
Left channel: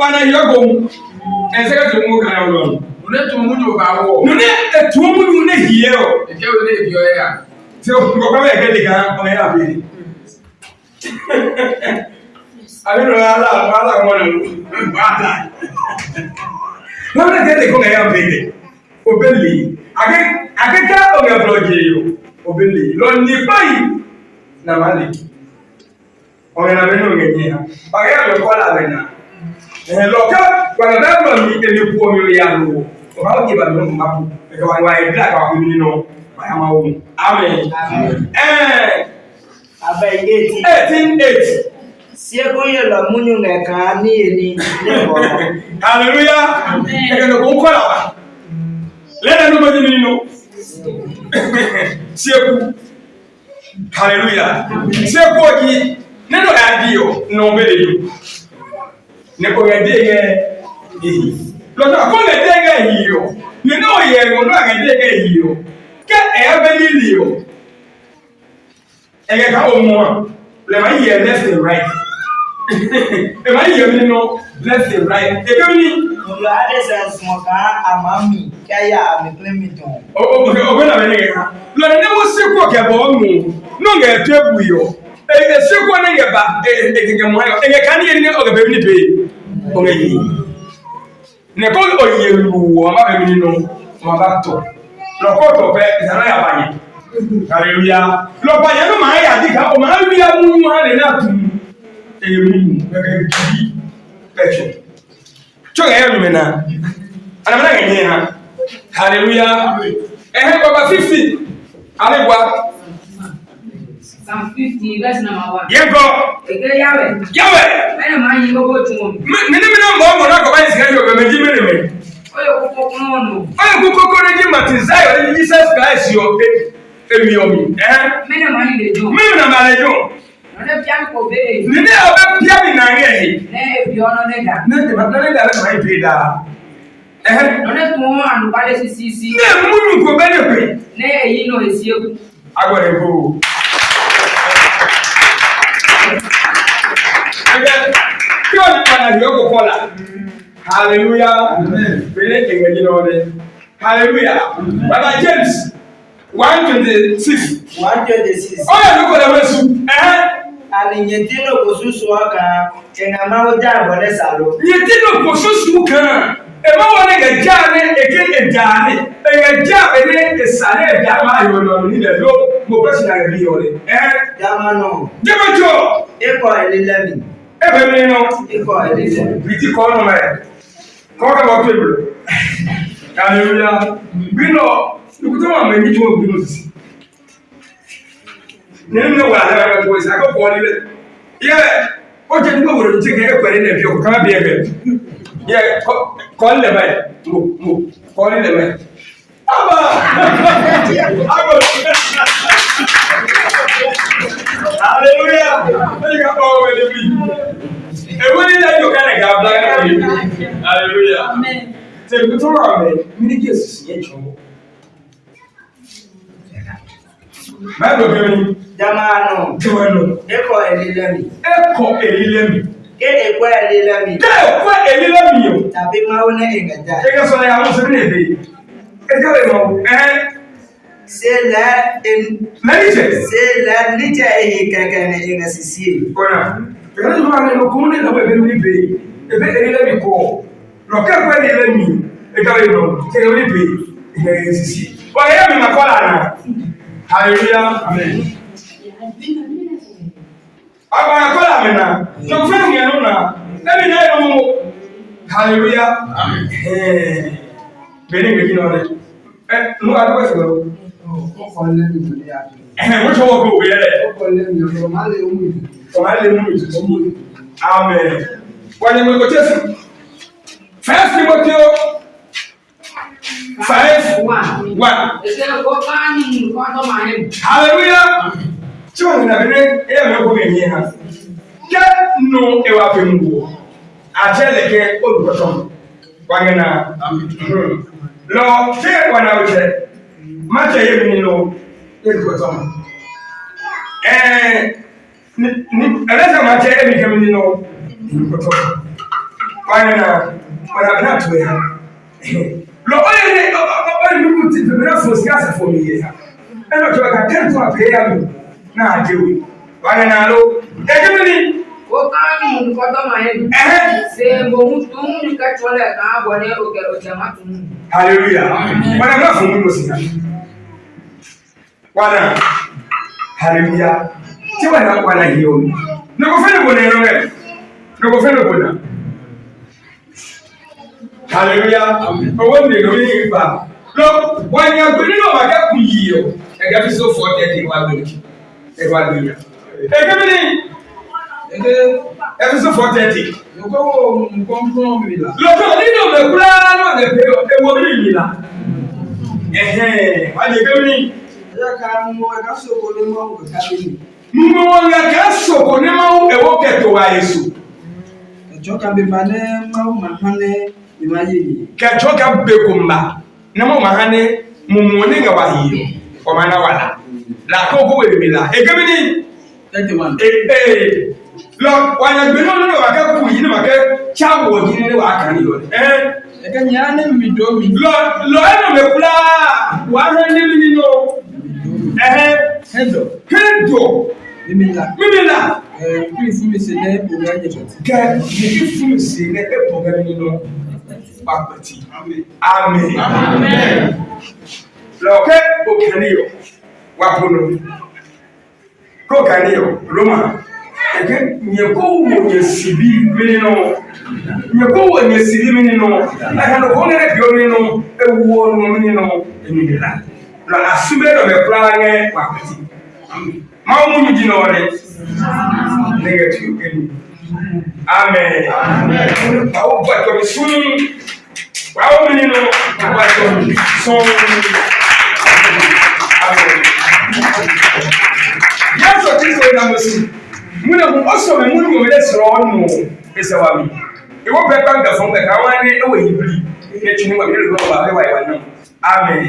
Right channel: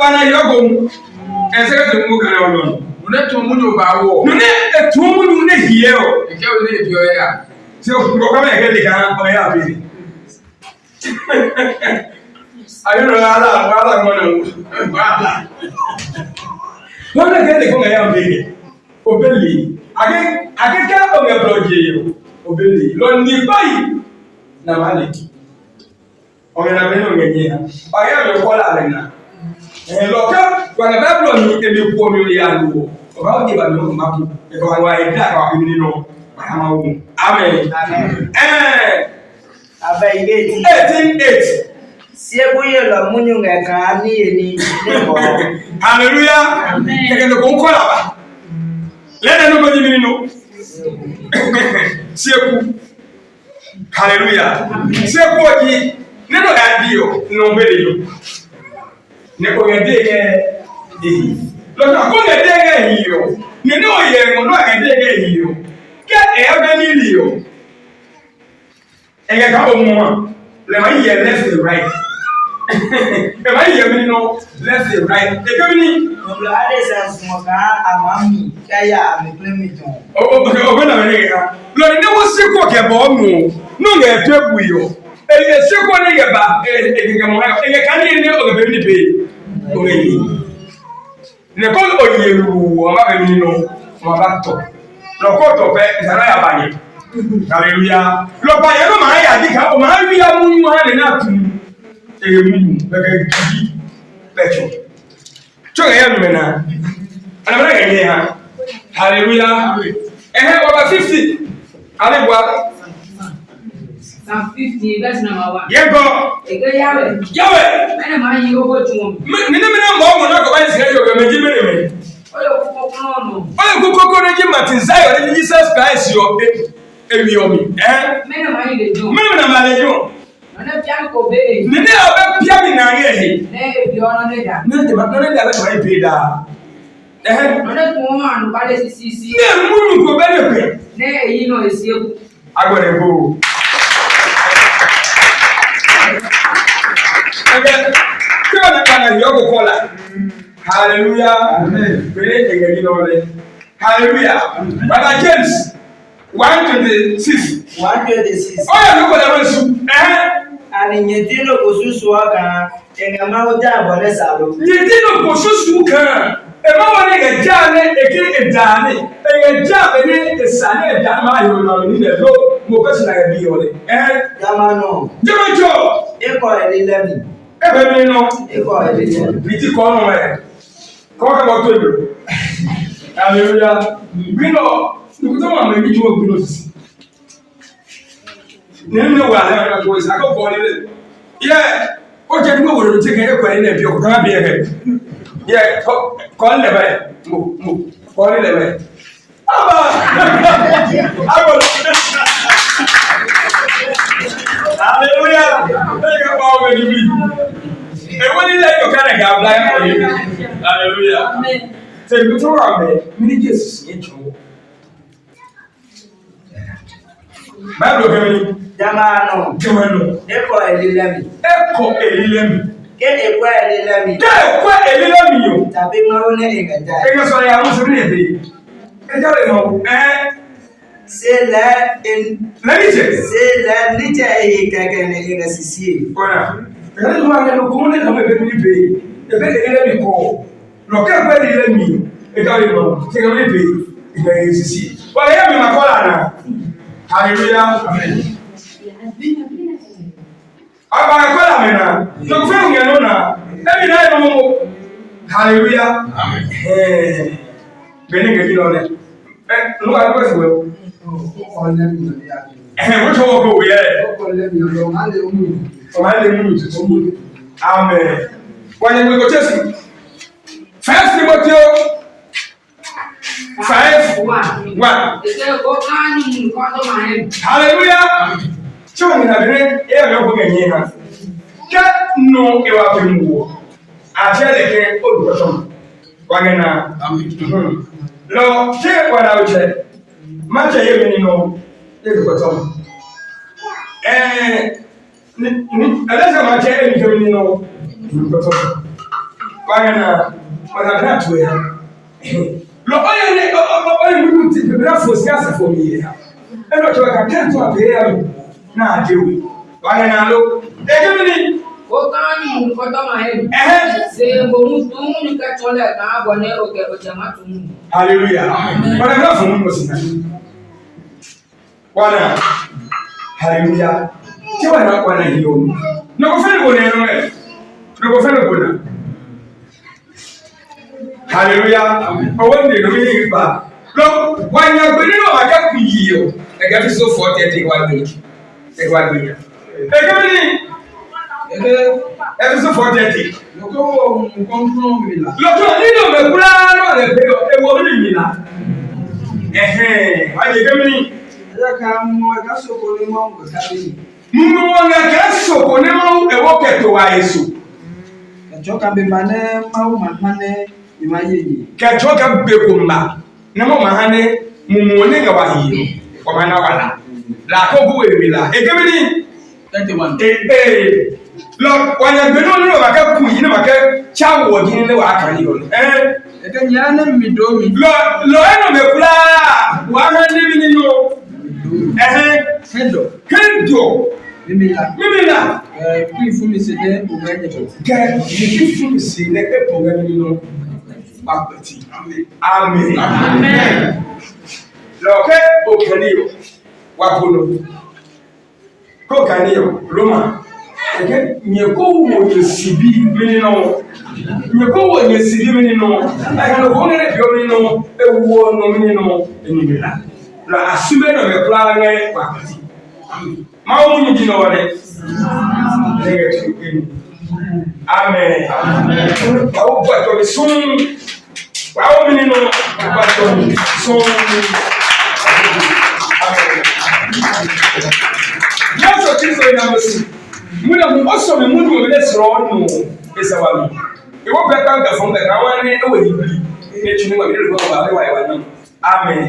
Wana hiyogo. Enseka to mu kana olon. Ne to mu nyo ba wo. No ne to mu ne hiye o. E ke o le bi o ya. Se o ko ba ke le kan o ya bi. Ayo ala mo no. Ala. Wọ́n lè kó ngaya mbele obeli akeka o me bloje yo obeli lo ni bai na mali o me na beno ngenye ha o ya lo kola bena lo ka kwa na blo ni e mi ku mi ya lo o ba o ti ba no mapu e ka wa e dra ka mi ni no wa ya ma wo amen Abe igeti. 18:8 Sieboye lo munyu ngeka ni eni nebo. Hallelujah. Amen. Eke ko kola ba. Lena no bodi ni no. Sieku. Hallelujah. Sieku oji neno ga dio no bele yo. Ne ko ga de ge ehi. Lo na ko ga de ge ehi yo. Ne no ye ngo no ga de ge ehi yo. Ke e be ni li yo. Eke ka o mo. Le ma ye left and right. Am I hearing no left and right? They come in. Mulu ade sense mo ka amami kaya ameklemito. Okay, na bene ga. Lo ne wo seko ke bo mu. No ga tebu yo. E seko na ye ba e ke mo ha. E ka ni o ga be ni be. O ga yi. Ne ko o ye ru o ma be ni no. Ma ba to. Lo ko to pe sana ya banye. Hallelujah. Lo banye no ma ya di ka o ma wi ya mu ha ne na tu. Emu bega gidi pecho choga ya numena ana mana ganye ha hallelujah baba 50 alebwa Psalm 50 verse number 1. yego Ege yawe mena manyi go go tumo nene mena mbo na ko ba nsika yo be meji mene oyo kuko no oyo kuko reji matinzayo ni Jesus Christ yo emi omi mena manyi de jo mena malejo na piano ko be nene oba pia mi na nge ne bi ono ne da nene ba nene da ba bi da ne tumo anu ba le sisi ne munyu ko be ne pe ne eyi no esieku agora go aga kyo na kana yo ko kola Hallelujah. Amen. Hallelujah. Brother James 1:26. 1:26. Oh, yeah, look at the And Yetino Kosusuaka, and a Mauja Bonesalo. Yetino Kosusuka. Eba wale ke jane eke edane e ja ene esane dama yo ni le lo mo pe sina bi ole Dama no Jamajo e ko elelemi e be mi no e ko elelemi bi ti ko no me ko ka bo tebro hallelujah bi no ku to ma me bi to bi no sisi ne mi wa la ka ko isa ko ko ni le ye o je ni mo wo ti ke e ko ni le bi o ko ka bi e yeah, call the man. Move. Call the man. Hallelujah. Take up all with me. And when you let your kind of God blind for you. Hallelujah. Amen. So you told me, many years to see you. My brother, Jamano, Echo Elilemi. Echo Elilemi. Get a quiet Elilemi. Get a quiet Elilemi. Tapping my own name and die. I guess I was in it. Say that in Niger. Say that Niger in a CC. That's why I'm going to have a baby. The baby let me call. Look at where they let me. I tell you, take a baby in the ACC. But I am in my collar. Hallelujah. Amen. I buy a collar now. No friend, you know now. Every night, hallelujah. Amen. Being a good on it. No, I was well. Which one go? Yeah. Amen. When you go to 1 Timothy 5:1. Hallelujah. Children have been here. Get no ewapimu. I tell the king, oh, bottom. Wagana. Lord, take one out there. Much I even know. Yes, bottom. Unless I'm not telling you, know. Wagana. What I'm not to her. Lord, I need to be enough for Siasa for me. And not to a tent to a pair. Now, do we? Wagana, look. Egomini. Okani mkoto mahali. Se bomu tumu nikachole na bone ojama tumu. Hallelujah. Bwana mlafu Mungu sina. Bwana. Hallelujah. Tiwa na bwana hiyo. Nakufanya bwana neno. Nakufanya bwana. Hallelujah. Awande no mi ba. Lo, wanya gbinu maka ku yiyo. E ga fi so 40 wa gbe. E wa gbe. E ga mi Episode 430. Lọ́tọ̀ nínú mẹ́kúrá náà lè pé ewu orí mi la. Wáyé kẹ́mi ní. Ẹ̀ka ká mú ẹ̀ka sọ̀kò ní mọ́ ẹ̀ka bíi. Mú wọn ẹ̀ka sọ̀kò ní mọ́ ẹ̀wọ́ kẹ̀tọ̀ wa èso. Kẹ̀tọ́ kan bí ma ní máa wù máa hán ní ìmá yé yìí. Kẹ̀tọ́ kan bẹ kò mbà ní mọ́ máa hán ní mùmù ní ìgbà wà yìí ọmọ náà wà lá. Làkókò wèrè mi la. Èkébí ní. 31. Lord, when you been on your back, you know, I child working in the Wakan. I can yarn me do me. Lord, the fly, 100 living in Hendo. Mimila. Please, for me, say, get you for me, say, let the program in no backwards. Amen. Lord, okay, Wapuno. Go Canio, Roma. Again, you go when you see me no. You go when you see me no. I can only let you know a war no minino in the land. La assume of a flying quality. Mount you know what it is. Negative in. Amen. I hope that you'll be soon. Wow, minino, but you'll soon. Amen. Yes, what is the number? Muna mu also me munu me lesro no esawa mi e wo peka nga fon ga kawane e wo yibli e tuni wa bi le wa no amen